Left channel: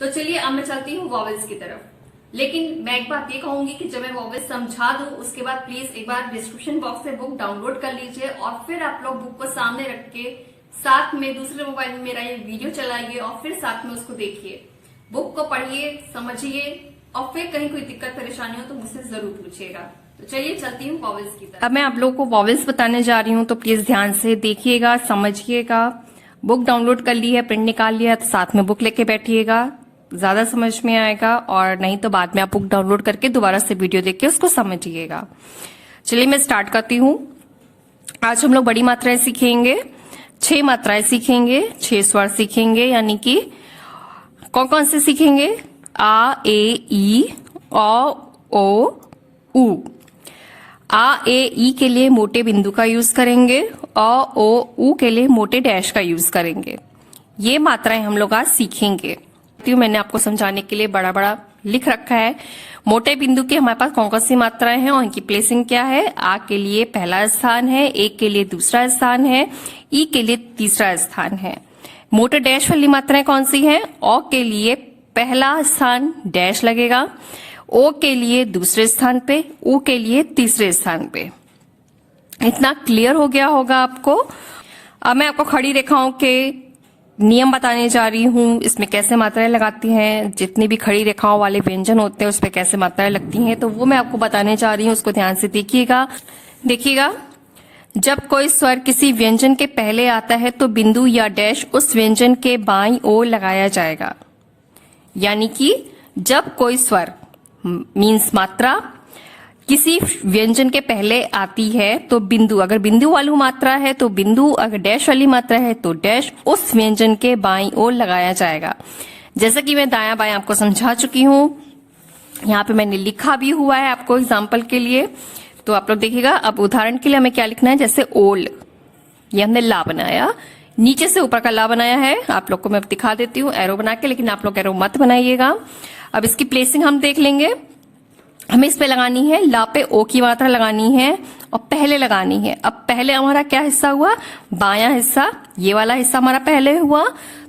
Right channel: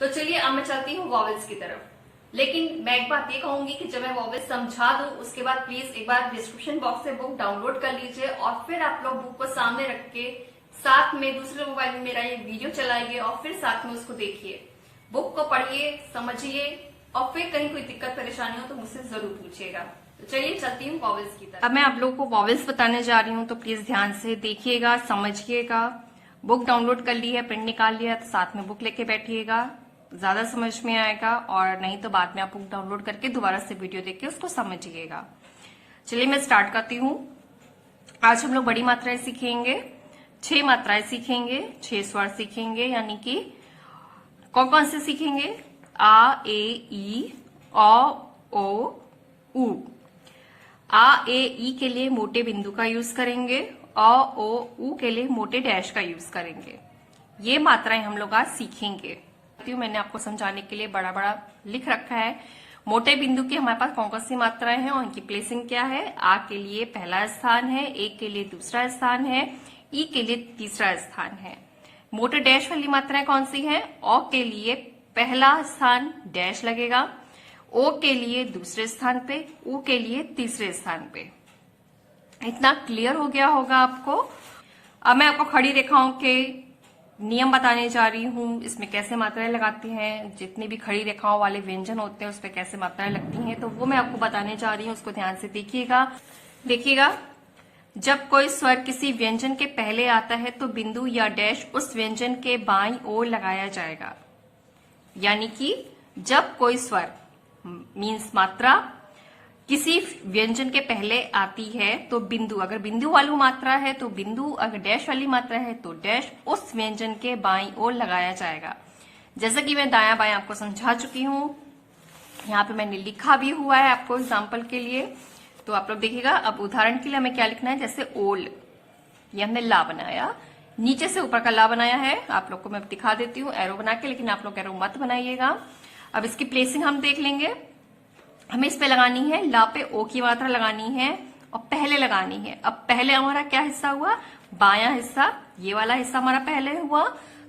तो चलिए अब मैं चलती हूँ वॉवेल्स की तरफ। लेकिन मैं एक बात ये कहूंगी कि जब मैं वॉवेल्स समझा दूं उसके बाद प्लीज एक बार डिस्क्रिप्शन बॉक्स से बुक डाउनलोड कर लीजिए और फिर आप लोग बुक को सामने रख के साथ में दूसरे मोबाइल में मेरा ये वीडियो चलाइए और फिर साथ में उसको देखिए। बुक को पढ़िए, समझिए और फिर कहीं कोई दिक्कत परेशानी हो तो मुझसे जरूर पूछिएगा। तो चलिए चलती हूँ वॉवेल्स की तरफ। अब मैं आप लोगों को वॉवेल्स बताने जा रही हूँ, तो प्लीज ध्यान से देखिएगा, समझिएगा। बुक डाउनलोड कर ली है, प्रिंट निकाल लिया, तो साथ में बुक लेके बैठिएगा, ज्यादा समझ में आएगा। और नहीं तो बाद में आप बुक डाउनलोड करके दोबारा से वीडियो देख के उसको समझिएगा। चलिए मैं स्टार्ट करती हूँ। आज हम लोग बड़ी मात्राएं सीखेंगे, 6 मात्राएं सीखेंगे, 6 स्वर सीखेंगे, यानी कि कौन कौन से सीखेंगे? आ, ए, ई, औ, ओ, उ। आ, ए, ई के लिए मोटे बिंदु का यूज करेंगे, अ, ओ, उ के लिए मोटे डैश का यूज करेंगे। ये मात्राएं हम लोग आज सीखेंगे। मैंने आपको समझाने के लिए बड़ा बड़ा लिख रखा है। मोटे बिंदु की हमारे पास कौन कौन सी मात्राएं हैं और इनकी प्लेसिंग क्या है। आ के लिए पहला स्थान है, ए के लिए दूसरा स्थान है, ई के लिए तीसरा स्थान है। मोटे डैश वाली मात्राएं कौन सी हैं? औ के लिए पहला स्थान डैश लगेगा, ओ के लिए दूसरे स्थान पे, उ के लिए तीसरे स्थान पे। इतना क्लियर हो गया होगा आपको। अब मैं आपको खड़ी रेखाओं के नियम बताने जा रही हूँ। इसमें कैसे मात्राएं लगाती हैं, जितनी भी खड़ी रेखाओं वाले व्यंजन होते हैं उस पर कैसे मात्राएं लगती हैं, तो वो मैं आपको बताने जा रही हूँ। उसको ध्यान से देखिएगा। जब कोई स्वर किसी व्यंजन के पहले आता है तो बिंदु या डैश उस व्यंजन के बाईं ओर लगाया जाएगा। यानी कि जब कोई स्वर मीन्स मात्रा किसी व्यंजन के पहले आती है तो बिंदु, अगर बिंदु वाली मात्रा है तो बिंदु, अगर डैश वाली मात्रा है तो डैश उस व्यंजन के बाईं ओर लगाया जाएगा। जैसा कि मैं दायां बायां आपको समझा चुकी हूँ, यहाँ पे मैंने लिखा भी हुआ है आपको एग्जाम्पल के लिए, तो आप लोग देखिएगा। अब उदाहरण के लिए हमें क्या लिखना है, जैसे ओल, ये हमने ला बनाया, नीचे से ऊपर का ला बनाया है। आप लोग को मैं दिखा देती हूँ एरो बना के, लेकिन आप लोग एरो मत बनाइएगा। अब इसकी प्लेसिंग हम देख लेंगे। हमें इस पे लगानी है, ला पे ओ की मात्रा लगानी है और पहले लगानी है। अब पहले हमारा क्या हिस्सा हुआ? बायां हिस्सा, ये वाला हिस्सा हमारा पहले हुआ,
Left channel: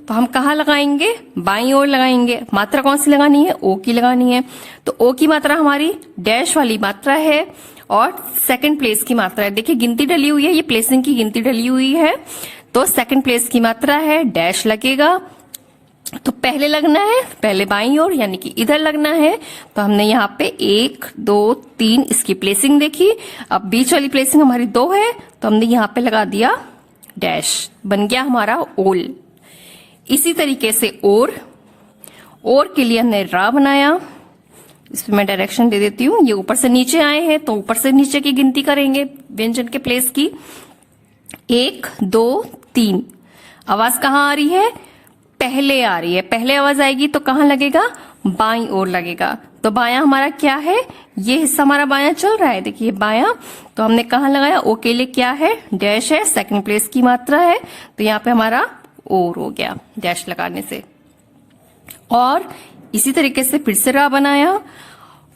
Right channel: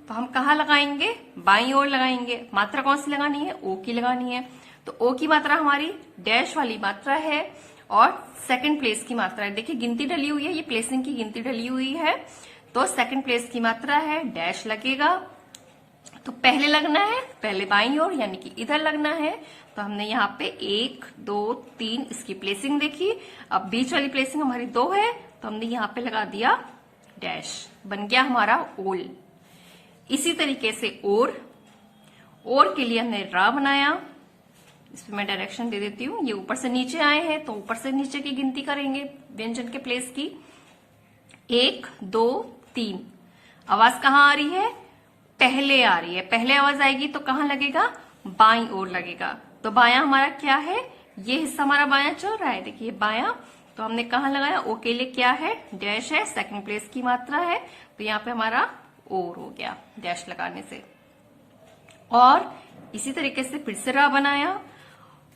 तो हम कहाँ लगाएंगे? बाईं ओर लगाएंगे। मात्रा कौन सी लगानी है? ओ की लगानी है। तो ओ की मात्रा हमारी डैश वाली मात्रा है और सेकंड प्लेस की मात्रा है। देखिए गिनती डली हुई है, ये प्लेसिंग की गिनती डली हुई है, तो सेकंड प्लेस की मात्रा है, डैश लगेगा। तो पहले लगना है, पहले बाईं ओर यानी कि इधर लगना है। तो हमने यहाँ पे 1 2 3 इसकी प्लेसिंग देखी। अब बीच वाली प्लेसिंग हमारी 2 है, तो हमने यहाँ पे लगा दिया डैश, बन गया हमारा ओल। इसी तरीके से और के लिए हमने रा बनाया। इसमें मैं डायरेक्शन दे देती हूँ। ये ऊपर से नीचे आए हैं तो ऊपर से नीचे की गिनती करेंगे व्यंजन के प्लेस की। 1 2 3। आवाज कहाँ आ रही है? पहले आ रही है। पहले आवाज आएगी तो कहाँ लगेगा? बाईं ओर लगेगा। तो बायां हमारा क्या है? ये हिस्सा हमारा बायां चल रहा है, देखिए बायां। तो हमने कहाँ लगाया? ओ के लिए क्या है? डैश है, सेकंड प्लेस की मात्रा है, तो यहाँ पे हमारा और हो गया डैश लगाने से। और इसी तरीके से फिर से रा बनाया।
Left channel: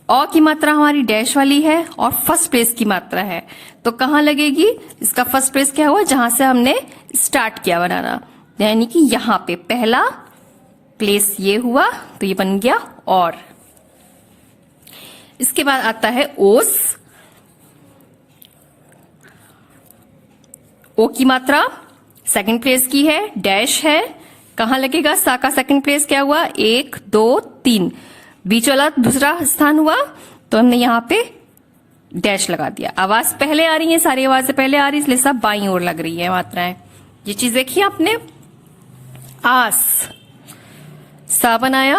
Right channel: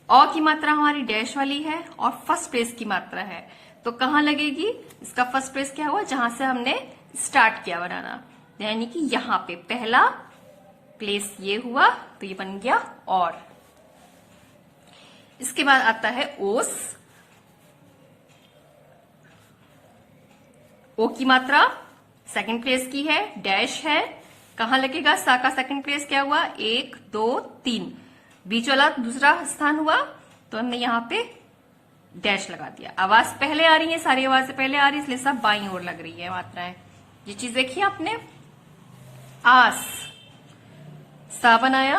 औ की मात्रा हमारी डैश वाली है और फर्स्ट प्लेस की मात्रा है, तो कहाँ लगेगी? इसका फर्स्ट प्लेस क्या हुआ? जहां से हमने स्टार्ट किया बनाना, यानी कि यहाँ पे पहला प्लेस ये हुआ, तो ये बन गया और। इसके बाद आता है ओस। ओ की मात्रा सेकंड प्लेस की है, डैश है, कहाँ लगेगा? सा का सेकंड प्लेस क्या हुआ? 1 2 3, बीच वाला दूसरा स्थान हुआ, तो हमने यहाँ पे डैश लगा दिया। आवाज पहले आ रही है, सारी आवाजें पहले आ रही है, इसलिए सब बाईं ओर लग रही है मात्राएं। ये चीज देखिए आपने। आस, सा बनाया।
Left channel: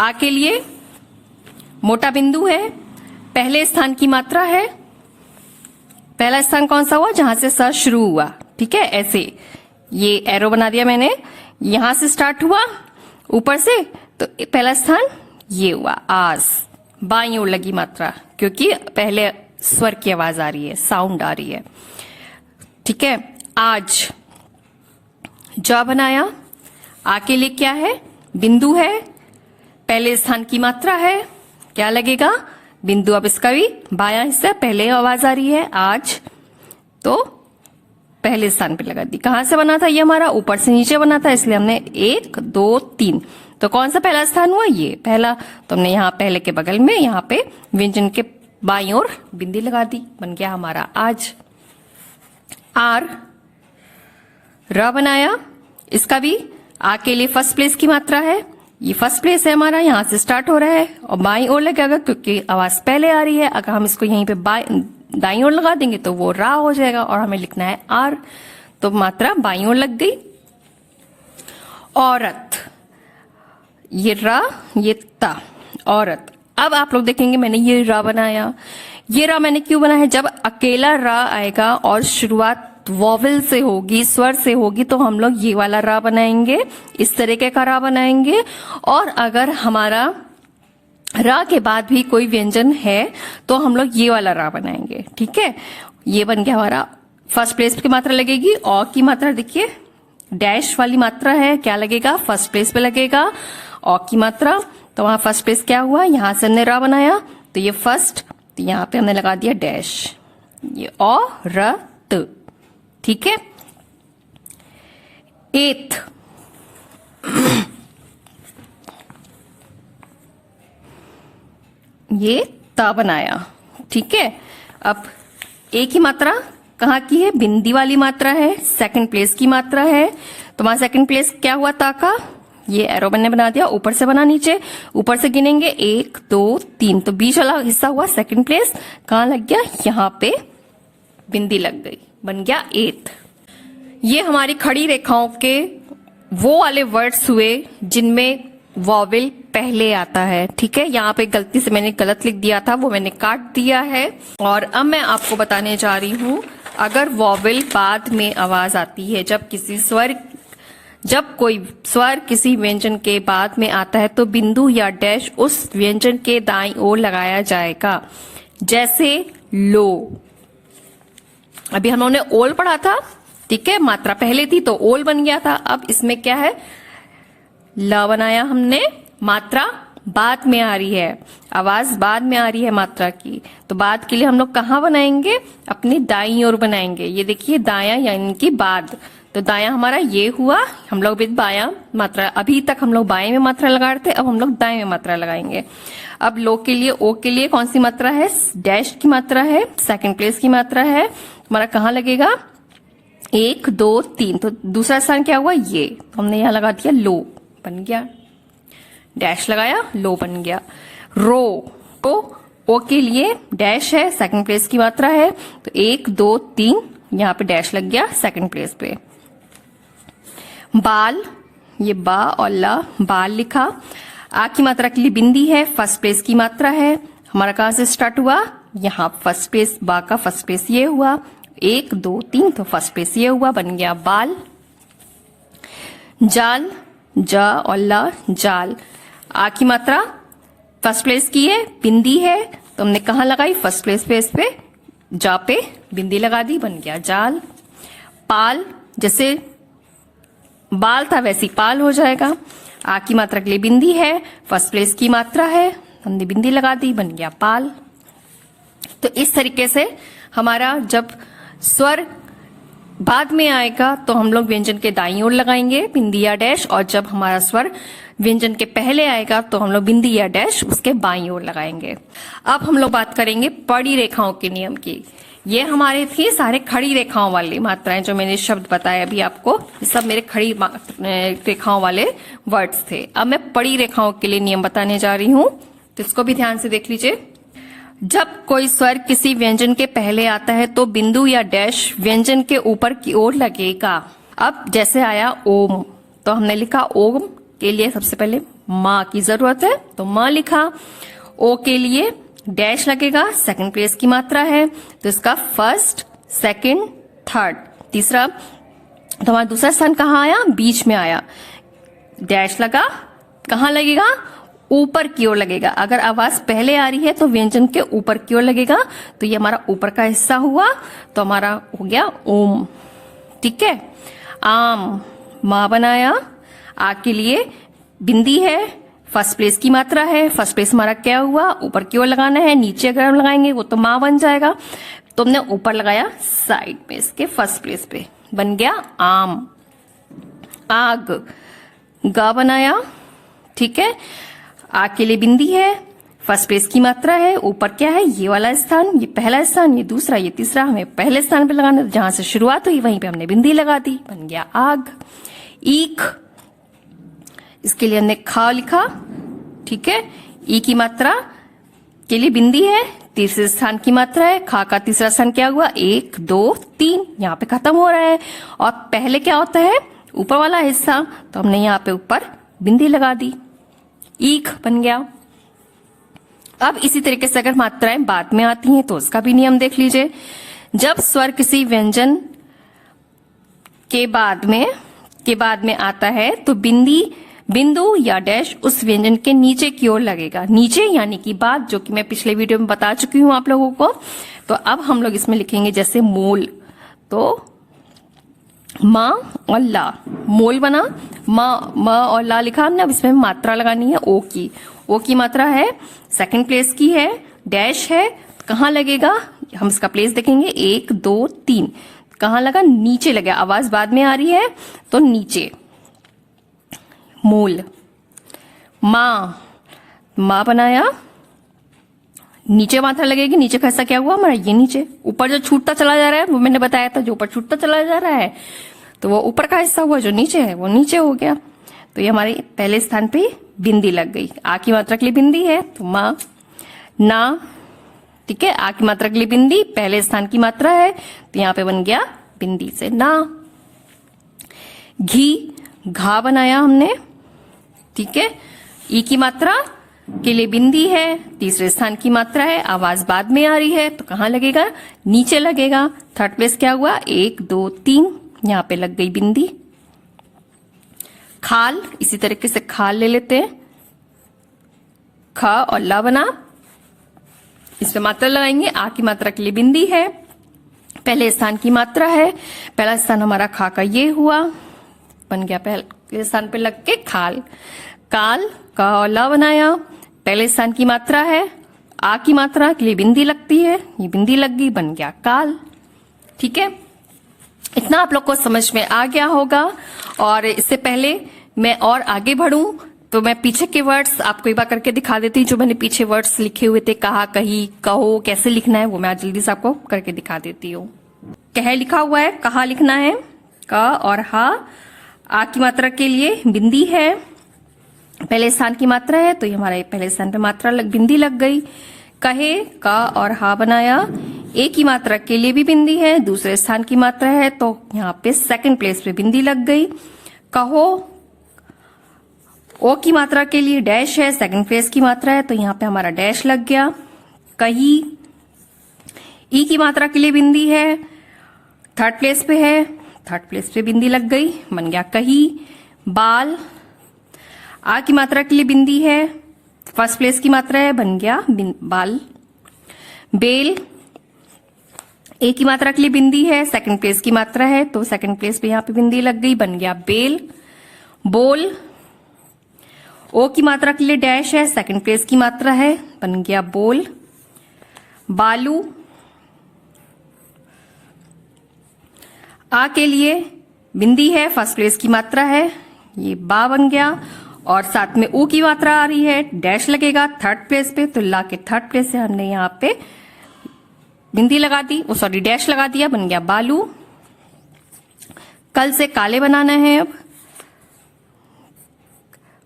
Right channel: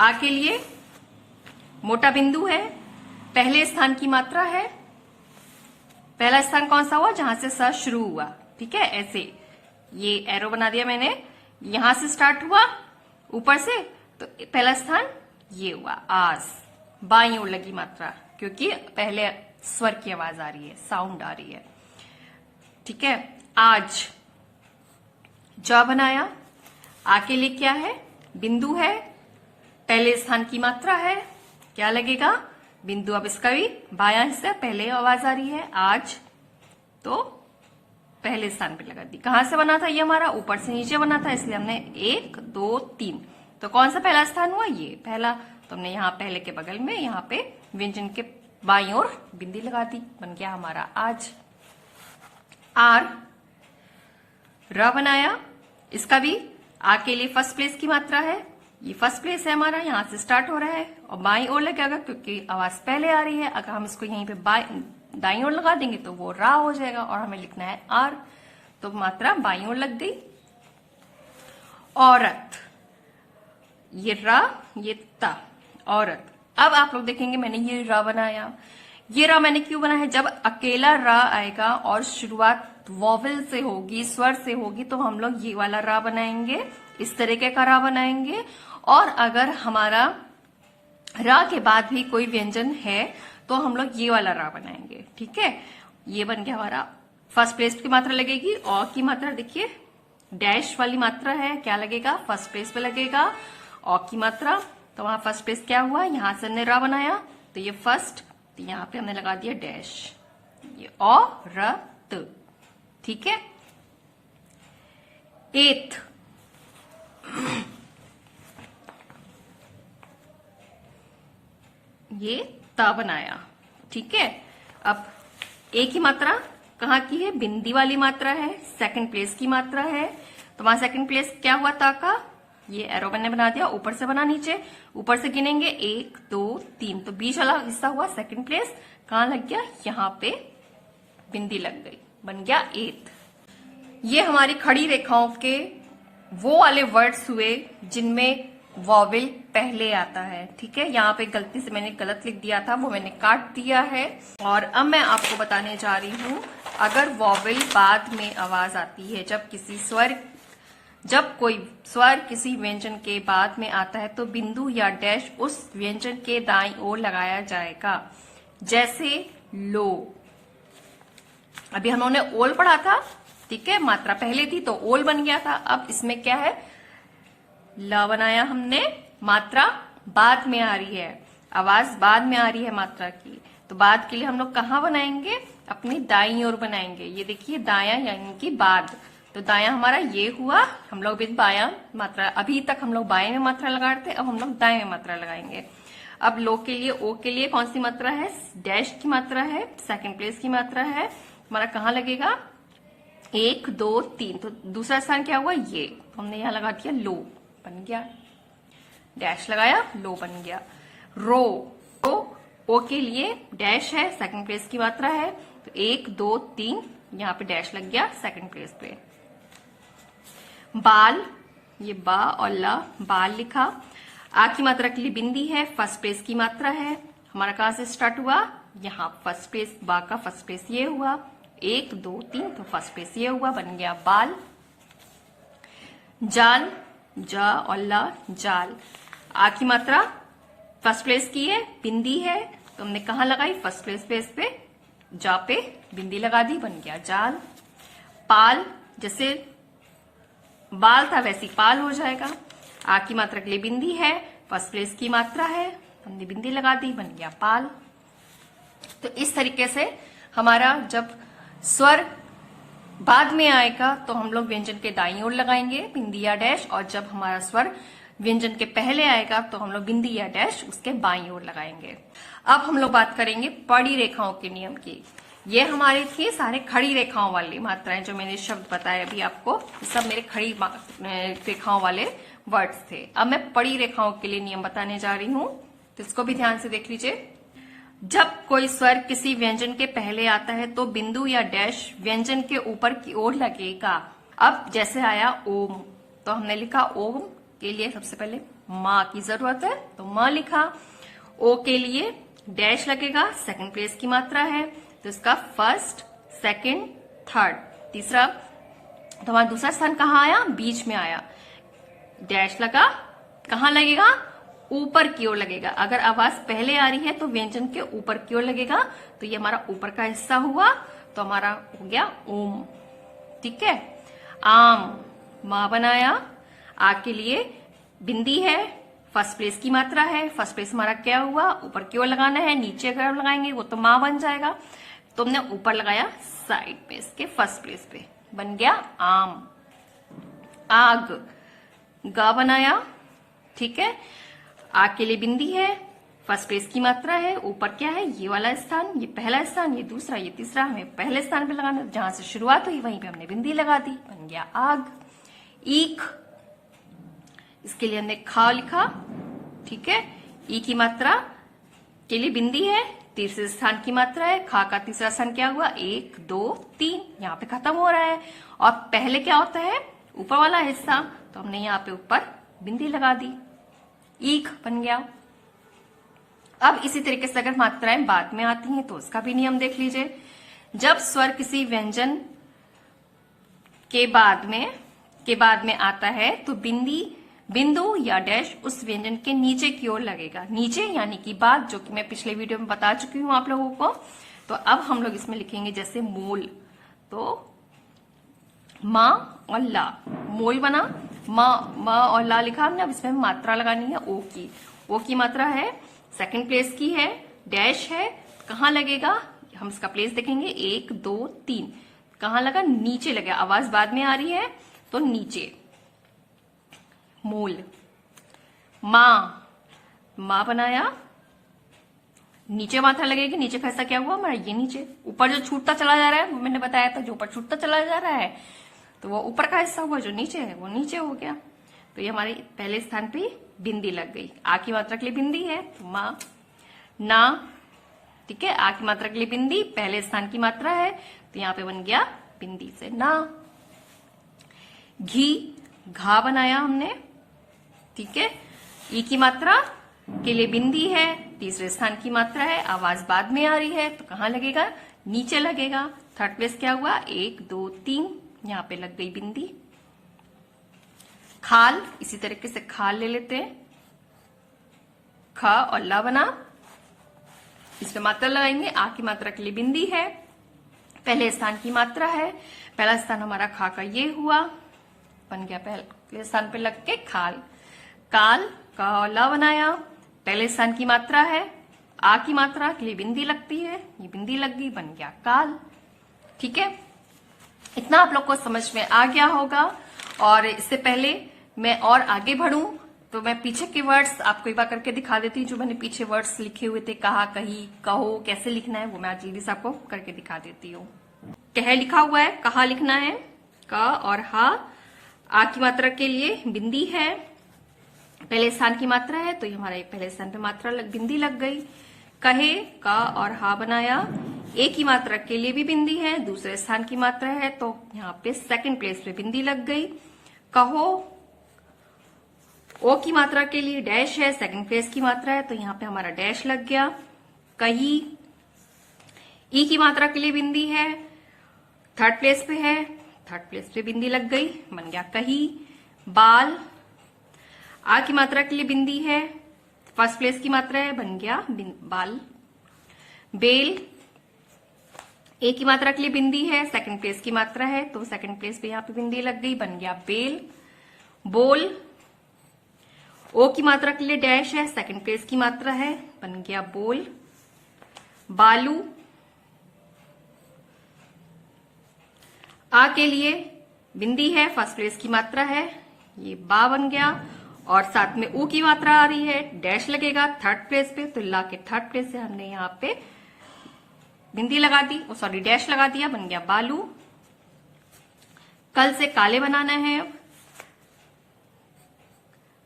आ के लिए मोटा बिंदु है, पहले स्थान की मात्रा है। पहला स्थान कौन सा हुआ? जहां से सा शुरू हुआ, ठीक है। ऐसे ये एरो बना दिया मैंने, यहां से स्टार्ट हुआ ऊपर से, तो पहला स्थान ये हुआ आस। बाईं ओर लगी मात्रा, क्योंकि पहले स्वर की आवाज आ रही है, साउंड आ रही है, ठीक है। आज, जा बनाया। आ के लिए क्या है? बिंदु है, पहले स्थान की मात्रा है, क्या लगेगा? बिंदु। अब इसका भी बायां हिस्सा, पहले आवाज आ रही है आज, तो पहले स्थान पे लगा दी। कहां से बना था ये हमारा? ऊपर से नीचे बना था, इसलिए हमने 1 2 3। तो कौन सा पहला स्थान हुआ? ये पहला। तो हमने यहाँ पहले के बगल में यहाँ पे व्यंजन के बाईं ओर बिंदी लगा दी, बन गया हमारा आज। आर, र बनाया, इसका भी आ के लिए फर्स्ट प्लेस की मात्रा है, ये फर्स्ट प्लेस है हमारा, यहां से स्टार्ट हो रहा है और बाईं ओर लगेगा क्योंकि आवाज पहले आ रही है। अगर हम इसको यहीं पे दाईं ओर लगा देंगे तो वो रा हो जाएगा और हमें लिखना है आर, तो मात्रा बाईं ओर लग गई। औरत, ये रा, ये ता, औरत। अब आप लोग देखेंगे मैंने ये रा बनाया। ये रा मैंने क्यों बनाया है? जब अकेला रा आएगा और शुरुआत वॉवल से होगी, स्वर से होगी, तो हम लोग ये वाला रा बनाएंगे, इस तरीके का रा बनाएंगे। और अगर हमारा रा के बाद भी कोई व्यंजन है तो हम लोग ये वाला रा बनाएंगे। ठीक है, ये बन गया हमारा। फर्स्ट प्लेस की मात्रा लगेगी, औ की मात्रा देखिए डैश वाली मात्रा है, क्या लगेगा? फर्स्ट प्लेस पे लगेगा औ की मात्रा। तो वहां फर्स्ट प्लेस क्या हुआ? यहां से हमने रा बनाया तो ये फर्स्ट, तो यहां पे हमने लगा दिया डैश, ये औरत। ठीक है। एथ, ये ता बनाया। ठीक है, अब ए की मात्रा कहाँ की है? बिंदी वाली मात्रा है, सेकंड प्लेस की मात्रा है। तो वहां सेकंड प्लेस क्या हुआ? ता का ये एरो मैंने बना दिया, ऊपर से बना नीचे, ऊपर से गिनेंगे 1 2 3, तो बीच वाला हिस्सा हुआ सेकंड प्लेस। कहाँ लग गया? यहाँ पे बिंदी लग गई, बन गया एथ। ये हमारी खड़ी रेखाओं के वो वाले वर्ड्स हुए जिनमें वॉवेल पहले आता है। ठीक है, यहाँ पे गलती से मैंने गलत लिख दिया था, वो मैंने काट दिया है। और अब मैं आपको बताने जा रही हूं, अगर वॉवेल बाद में आवाज आती है, जब कोई स्वर किसी व्यंजन के बाद में आता है तो बिंदु या डैश उस व्यंजन के दाईं ओर लगाया जाएगा। जैसे लो, अभी हमने ओल पढ़ा था। ठीक है, मात्रा पहले थी तो ओल बन गया था। अब इसमें क्या है? ल बनाया हमने, मात्रा बाद में आ रही है, आवाज बाद में आ रही है मात्रा की। तो बाद के लिए हम लोग कहाँ बनाएंगे? अपनी दाईं ओर बनाएंगे। ये देखिए दाया यानी कि बाद, तो दाया हमारा ये हुआ। हम लोग भी बाया मात्रा, अभी तक हम लोग बाएं में मात्रा लगा रहे थे, अब हम लोग दाएं में मात्रा लगाएंगे। अब लो के लिए, ओ के लिए कौन सी मात्रा है? डैश की मात्रा है, सेकंड प्लेस की मात्रा है। हमारा कहाँ लगेगा? 1 2 3, तो दूसरा स्थान क्या हुआ? ये, तो हमने यहाँ लगा दिया लो, बन गया। डैश लगाया, लो बन गया। रो, तो ओ के लिए डैश है, सेकंड प्लेस की मात्रा है, तो 1 2 3 यहाँ पे डैश लग गया सेकंड प्लेस पे। बाल, ये बा और ला, बाल लिखा। आ की मात्रा के लिए बिंदी है, फर्स्ट प्लेस की मात्रा है। हमारा कहां से स्टार्ट हुआ? यहाँ फर्स्ट प्लेस, बा का फर्स्ट प्लेस ये हुआ, 1 2 3, तो फर्स्ट प्लेस ये हुआ, बन गया बाल। जाल, जा और ला, जाल। आ की मात्रा फर्स्ट प्लेस की है, बिंदी है, तो हमने कहा लगाई? फर्स्ट प्लेस पे, इस पे जा पे बिंदी लगा दी, बन गया जाल। पाल, जैसे बाल था वैसी पाल हो जाएगा। आ की मात्रा के लिए बिंदी है, फर्स्ट प्लेस की मात्रा है, हमने बिंदी लगा दी, बन गया पाल। तो इस तरीके से हमारा जब स्वर बाद में आएगा तो हम लोग व्यंजन के दाईं ओर लगाएंगे बिंदी या डैश, और जब हमारा स्वर व्यंजन के पहले आएगा तो हम लोग बिंदी या डैश उसके बाईं ओर लगाएंगे। अब हम लोग बात करेंगे पड़ी रेखाओं के नियम की। ये हमारे थे सारे खड़ी रेखाओं वाली मात्राएं, जो मैंने शब्द बताए अभी आपको, ये सब मेरे खड़ी रेखाओं वाले वर्ड्स थे। अब मैं पड़ी रेखाओं के लिए नियम बताने जा रही हूं, तो इसको भी ध्यान से देख लीजिए। जब कोई स्वर किसी व्यंजन के पहले आता है तो बिंदु या डैश व्यंजन के ऊपर की ओर लगेगा। अब जैसे आया ओम, तो हमने लिखा ओम के लिए सबसे पहले माँ की जरूरत है, तो माँ लिखा। ओ के लिए डैश लगेगा, सेकंड प्लेस की मात्रा है, तो इसका फर्स्ट, सेकंड, थर्ड, तीसरा। तो हमारा दूसरा स्थान कहाँ आया? बीच में आया, डैश लगा। कहाँ लगेगा? ऊपर की ओर लगेगा। अगर आवाज पहले आ रही है तो व्यंजन के ऊपर की ओर लगेगा, तो ये हमारा ऊपर का हिस्सा हुआ, तो हमारा हो गया ओम। ठीक है। आम, माँ बनाया। आ के लिए बिंदी है, फर्स्ट प्लेस की मात्रा है, फर्स्ट प्लेस हमारा क्या हुआ? ऊपर की ओर लगाना है, नीचे अगर हम लगाएंगे वो तो माँ बन जाएगा। तो हमने ऊपर लगाया साइड में इसके फर्स्ट प्लेस पे, बन गया आम। आग, गा बनाया, ठीक है। आग के लिए बिंदी है, फर्स्ट प्लेस की मात्रा है, ऊपर क्या है, ये वाला स्थान, ये पहला स्थान, ये दूसरा, ये तीसरा, हमें पहले स्थान पे लगाना, जहां से शुरुआत हुई वहीं पे हमने बिंदी लगा दी, बन गया आग। ईख, इसके लिए हमने खा लिखा, ठीक है। ई की मात्रा के लिए बिंदी है, तीसरे स्थान की मात्रा है, खा का तीसरा स्थान क्या हुआ, 1 2 3, यहाँ पे खत्म हो रहा है। और पहले क्या होता है, ऊपर वाला हिस्सा, तो हमने यहाँ पे ऊपर बिंदी लगा दी, ईख बन गया। अब इसी तरीके से अगर मात्राएं बाद में आती हैं तो उसका भी नियम देख लीजिए। जब स्वर किसी व्यंजन के बाद में आता है तो बिंदु या डैश उस व्यंजन के नीचे की ओर लगेगा, नीचे यानी कि बाद, जो कि मैं पिछले वीडियो में बता चुकी हूं आप लोगों को। तो अब हम लोग इसमें लिखेंगे जैसे मोल, तो माँ और ला, मोल बना, माँ और ला लिखा हमने। अब इसमें मात्रा लगानी है ओ की, ओ की मात्रा है, सेकंड प्लेस की है, डैश है, कहाँ लगेगा, हम इसका प्लेस देखेंगे, 1 2 3, कहाँ लगा, नीचे लगा, आवाज बाद में आ रही है तो नीचे। मोल, माँ बनाया, नीचे मात्रा लगेगी, नीचे का हिस्सा क्या हुआ हमारा, ये नीचे। ऊपर जो छूटता चला जा रहा है वो मैंने बताया था, जो ऊपर छूटता चला जा रहा है तो वो ऊपर का हिस्सा हुआ, जो नीचे है वो नीचे हो गया। तो ये हमारे पहले स्थान पे बिंदी लग गई। आ की मात्रा के लिए बिंदी है तो माँ। ना, ठीक है, आ की मात्रा के लिए बिंदी, पहले स्थान की मात्रा है तो यहाँ पे बन गया बिंदी से ना। घी, घा बनाया हमने, ठीक है। ई की मात्रा के लिए बिंदी है, तीसरे स्थान की मात्रा है, आवाज बाद में आ रही है तो कहाँ लगेगा, नीचे लगेगा। थर्ड प्लेस क्या हुआ, 1 2 3, यहाँ पे लग गई बिंदी। खाल, इसी तरीके से खाल ले लेते हैं, खा और ला बना, इसमें मात्रा लगाएंगे। आ की मात्रा के लिए बिंदी है, पहले स्थान की मात्रा है, पहला स्थान हमारा खा का ये हुआ, बन गया पहले स्थान पे लग के खाल। काल, का और ला बनाया, पहले स्थान की मात्रा है, आ की मात्रा के लिए बिंदी लगती है, ये बिंदी लग गई, बन गया काल, ठीक है। इतना आप लोग को समझ में आ गया होगा। और इससे पहले मैं और आगे बढ़ूं तो मैं पीछे के वर्ड्स आपको एक बार करके दिखा देती हूँ। जो मैंने पीछे वर्ड्स लिखे हुए थे, कहा, कही, कहो, कैसे लिखना है, वो मैं आज जल्दी से आपको करके दिखा देती हूँ। कह लिखा हुआ है, कहा लिखना है, का और हा। आ की मात्रा के लिए बिंदी है, पहले स्थान की मात्रा है तो ये हमारा पहले स्थान पे मात्रा बिंदी लग गई। कहे, का और हा बनाया, ए की मात्रा के लिए भी बिंदी है, दूसरे स्थान की मात्रा है तो यहाँ पे सेकंड प्लेस पे बिंदी लग गई। कहो, ओ की मात्रा के लिए डैश है, सेकंड प्लेस की मात्रा है तो यहाँ पे हमारा डैश लग गया। कही, ई की मात्रा के लिए बिंदी है, थर्ड प्लेस पे है, थर्ड प्लेस पे बिंदी लग गई, बन गया कही। बाल, आ की मात्रा के लिए बिंदी है, फर्स्ट प्लेस की मात्रा है, बन गया बाल। बेल, ए की मात्रा के लिए बिंदी है, सेकंड प्लेस की मात्रा है तो सेकंड प्लेस पे यहाँ पे बिंदी लग गई, बन गया बेल। बोल, ओ की मात्रा के लिए डैश है, सेकंड प्लेस की मात्रा है, बन गया बोल। बालू, आ के लिए बिंदी है, फर्स्ट प्लेस की मात्रा है, ये बा बन गया। और साथ में ऊ की मात्रा आ रही है, डैश लगेगा थर्ड प्लेस पे तो ला के थर्ड प्लेस से हमने यहाँ पे बिंदी लगा दी, सॉरी डैश लगा दिया, बन गया बालू। कल से काले बनाना है। अब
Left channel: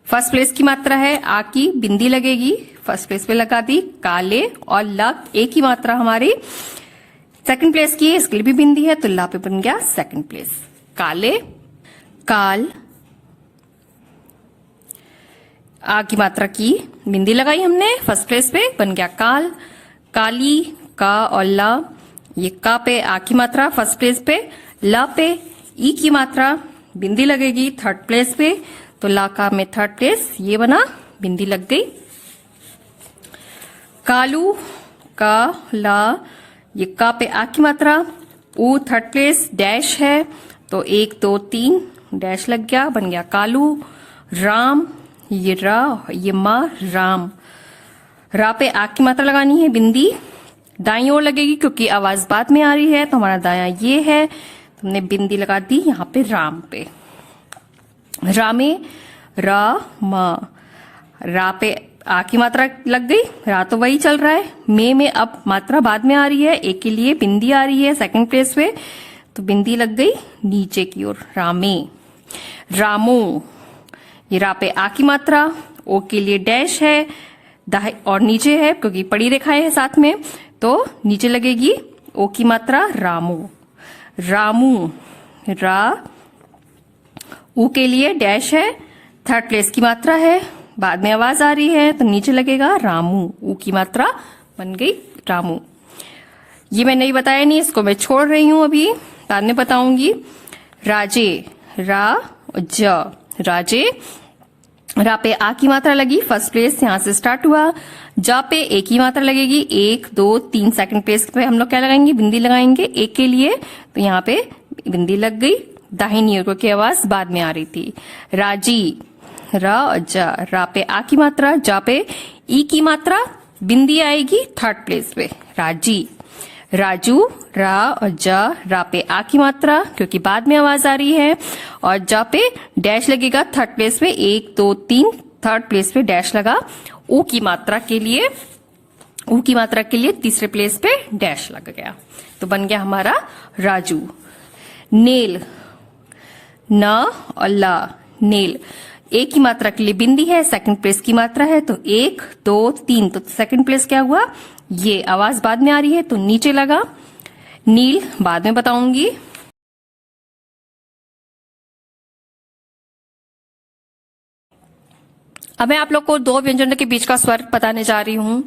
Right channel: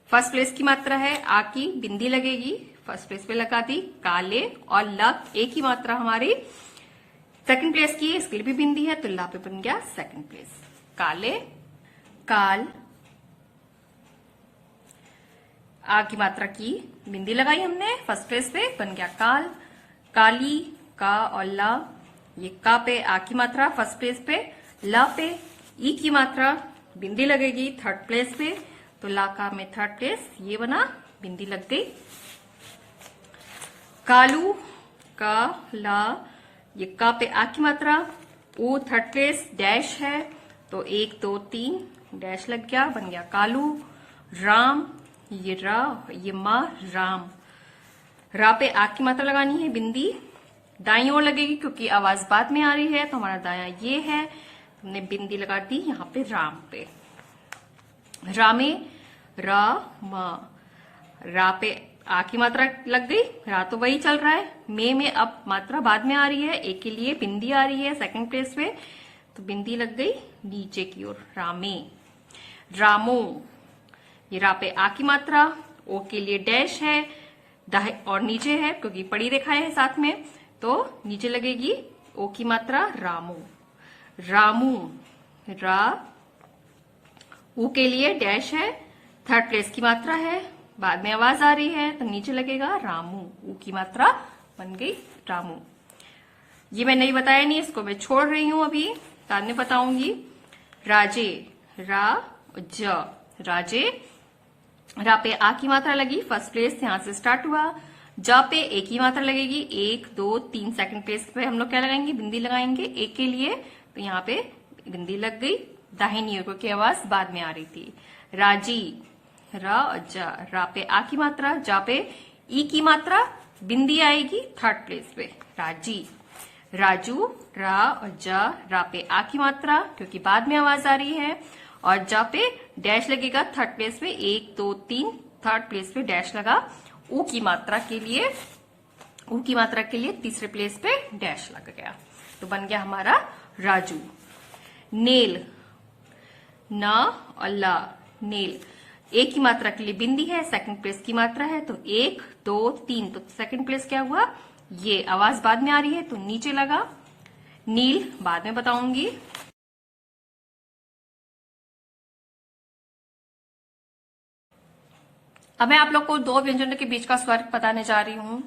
फर्स्ट प्लेस की मात्रा है, आ की बिंदी लगेगी, फर्स्ट प्लेस पे लगा दी, काले। और ला, ए की मात्रा हमारी सेकंड प्लेस की है, इसके लिए भी बिंदी है तो ला पे बन गया सेकंड प्लेस, काले। काल, आ की मात्रा की बिंदी लगाई हमने, फर्स्ट प्लेस पे बन गया काल। काली, का और ला, ये का पे आ की मात्रा फर्स्ट प्लेस पे, ला पे ई की मात्रा बिंदी लगेगी थर्ड प्लेस पे तो ला का में थर्ड प्लेस, ये बना बिंदी लग गई। कालू, का, ला, ये का पे आ की मात्रा, ऊ थर्ड प्लेस, डैश है तो 1 2 3 डैश लग गया, बन गया कालू। राम, ये रा, ये मा, राम। रा पे आ की मात्रा लगानी है बिंदी, दाईं ओर लगेगी क्योंकि आवाज बाद में आ रही है, तो हमारा दाया ये है। हमने बिंदी लगा दी यहाँ पे राम पे। रा में रा मा, रा पे आ की मात्रा लग गई, रा तो वही चल रहा है। में अब मात्रा बाद में आ रही है, ए के लिए बिंदी आ रही है सेकंड प्लेस पे, तो बिंदी लग गई नीचे की ओर, रामे। रामो, ये रा पे आ की मात्रा, ओ के लिए डैश है दाएं और नीचे है क्योंकि पड़ी रेखाएं है साथ में, तो नीचे लगेगी ओ की मात्रा रामो। रामू, रा ऊ के लिए डैश है, थर्ड प्लेस की मात्रा है, बाद में आवाज आ रही है तो नीचे लगेगा रामू, ऊ की मात्रा बन गई रामू। ये मैं नहीं बताया नहीं, इसको मैं छोड़ रही हूं, अभी बाद में बताऊंगी। राजे, रा ज, राजे, रा पे आ की मात्रा लगी, फर्स्ट प्लेस यहां से स्टार्ट हुआ। जा पे ए की मात्रा लगेगी, 1 2 3 सेकंड प्लेस पे हम लोग क्या लगाएंगे, बिंदी लगाएंगे एक के लिए, तो यहाँ पे बिंदी लग गई दाहिनी ओर की आवाज बाद में आ रही थी। राजी, रा जा, रा पे आ की मात्रा, जा पे ई की मात्रा, बिंदी आएगी थर्ड प्लेस पे, राजी। राजू, रा और जा, रा पे आ की मात्रा क्योंकि बाद में आवाज आ रही है, और जा पे डैश लगेगा थर्ड प्लेस पे, 1 2 3 थर्ड प्लेस पे डैश लगा। ऊ की मात्रा के लिए, ऊ की मात्रा के लिए तीसरे प्लेस पे डैश लग गया, तो बन गया हमारा राजू। नेल, न और ला, नेल, ए की मात्रा के लिए बिंदी है, सेकंड प्लेस की मात्रा है, तो 1 2 3, तो सेकंड प्लेस क्या हुआ, ये आवाज बाद में आ रही है तो नीचे लगा। नील बाद में बताऊंगी। अब मैं आप लोग को दो व्यंजनों के बीच का स्वर बताने जा रही हूं।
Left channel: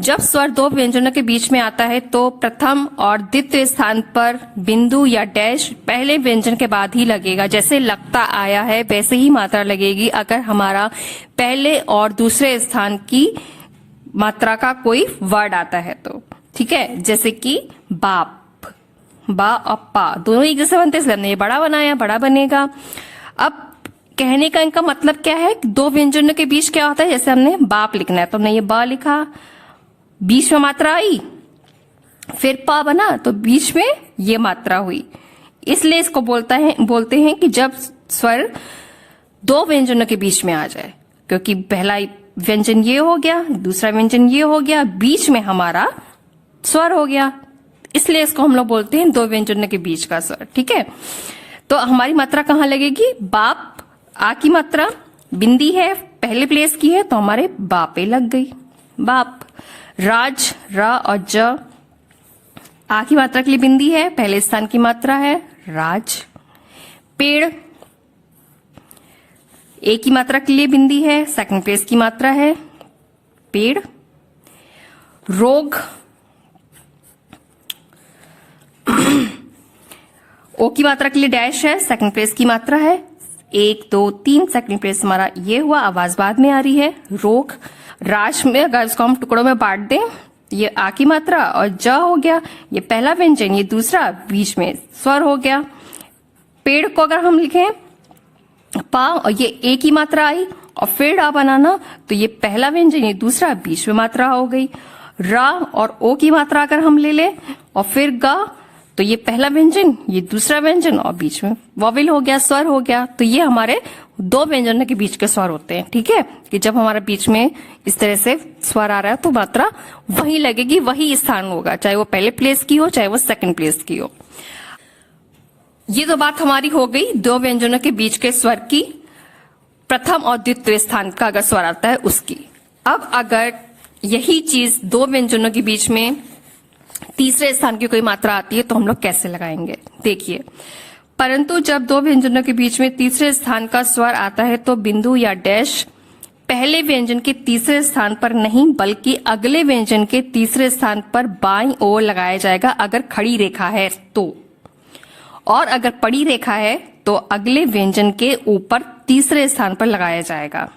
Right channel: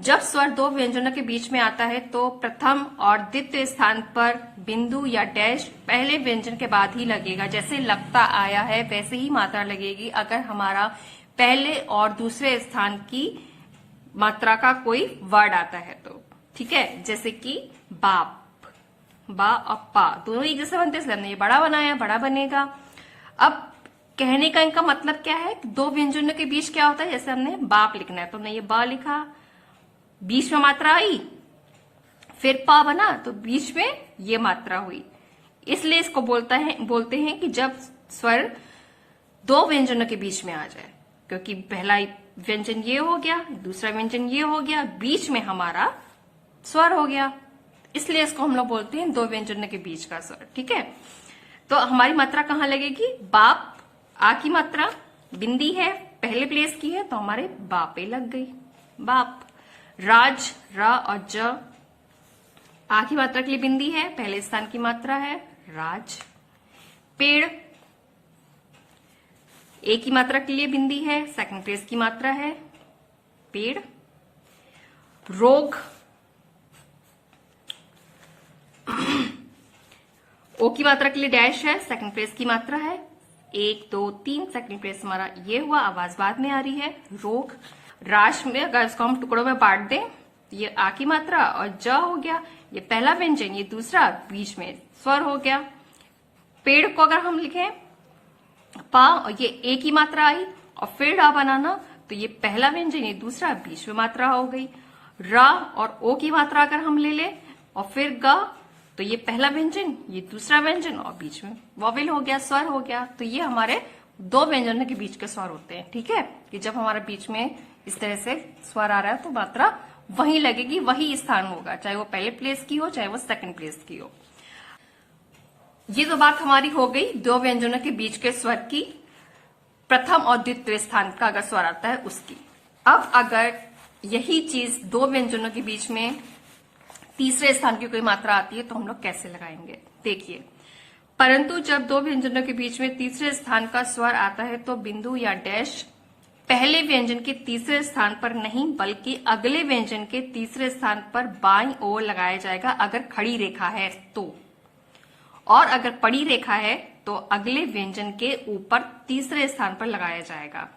जब स्वर दो व्यंजनों के बीच में आता है तो प्रथम और द्वितीय स्थान पर बिंदु या डैश पहले व्यंजन के बाद ही लगेगा। जैसे लगता आया है वैसे ही मात्रा लगेगी अगर हमारा पहले और दूसरे स्थान की मात्रा का कोई वर्ड आता है तो, ठीक है। जैसे कि बाप, बा और पा दोनों एक जैसे बनते हैं, ये बड़ा बनाया, बड़ा बनेगा। अब कहने का इनका मतलब क्या है, दो व्यंजनों के बीच क्या होता है, जैसे हमने बाप लिखना है तो हमने ये बा लिखा, बीच में मात्रा आई, फिर पा बना तो बीच में ये मात्रा हुई, इसलिए इसको बोलते हैं कि जब स्वर दो व्यंजनों के बीच में आ जाए, क्योंकि पहला व्यंजन ये हो गया, दूसरा व्यंजन ये हो गया, बीच में हमारा स्वर हो गया, इसलिए इसको हम लोग बोलते हैं दो व्यंजनों के बीच का स्वर, ठीक है। तो हमारी मात्रा कहाँ लगेगी, बाप, आ की मात्रा बिंदी है, पहले प्लेस की है तो हमारे बापे लग गई, बाप। राज, रा और ज, आ की मात्रा के लिए बिंदी है, पहले स्थान की मात्रा है, राज। पेड़, ए की मात्रा के लिए बिंदी है, सेकंड प्लेस की मात्रा है, पेड़। रोग, ओ की मात्रा के लिए डैश है, सेकंड प्लेस की मात्रा है, 1 2 3 सेकंड प्लेस हमारा ये हुआ, आवाज बाद में आ रही है, रोग। राज में अगर इसको हम टुकड़ों में बांट दें, ये आ की मात्रा और ज हो गया, ये पहला व्यंजन, ये दूसरा, बीच में स्वर हो गया। पेड़ को अगर हम लिखें पा और ये ए की मात्रा आई और फिर रा बनाना, तो ये पहला व्यंजन, ये दूसरा, बीच में मात्रा हो गई। रा और ओ की मात्रा अगर हम ले लें और फिर गा, तो ये पहला व्यंजन, ये दूसरा व्यंजन और बीच में वॉवेल हो गया, स्वर हो गया। तो ये हमारे दो व्यंजनों के बीच के स्वर होते हैं, ठीक है। कि जब हमारा बीच में इस तरह से स्वर आ रहा है तो मात्रा वहीं लगेगी, वही स्थान होगा, चाहे वो पहले प्लेस की हो चाहे वो सेकंड प्लेस की हो। ये तो बात हमारी हो गई दो व्यंजनों के बीच के स्वर की, प्रथम और द्वितीय स्थान का अगर स्वर आता है उसकी। अब अगर यही चीज दो व्यंजनों के बीच में तीसरे स्थान की कोई मात्रा आती है तो हम लोग कैसे लगाएंगे, देखिए। परंतु जब दो व्यंजनों के बीच में तीसरे स्थान का स्वर आता है तो बिंदु या डैश पहले व्यंजन के तीसरे स्थान पर नहीं बल्कि अगले व्यंजन के तीसरे स्थान पर बाईं ओर लगाया जाएगा अगर खड़ी रेखा है तो, और अगर पड़ी रेखा है तो अगले व्यंजन के ऊपर तीसरे स्थान पर लगाया जाएगा।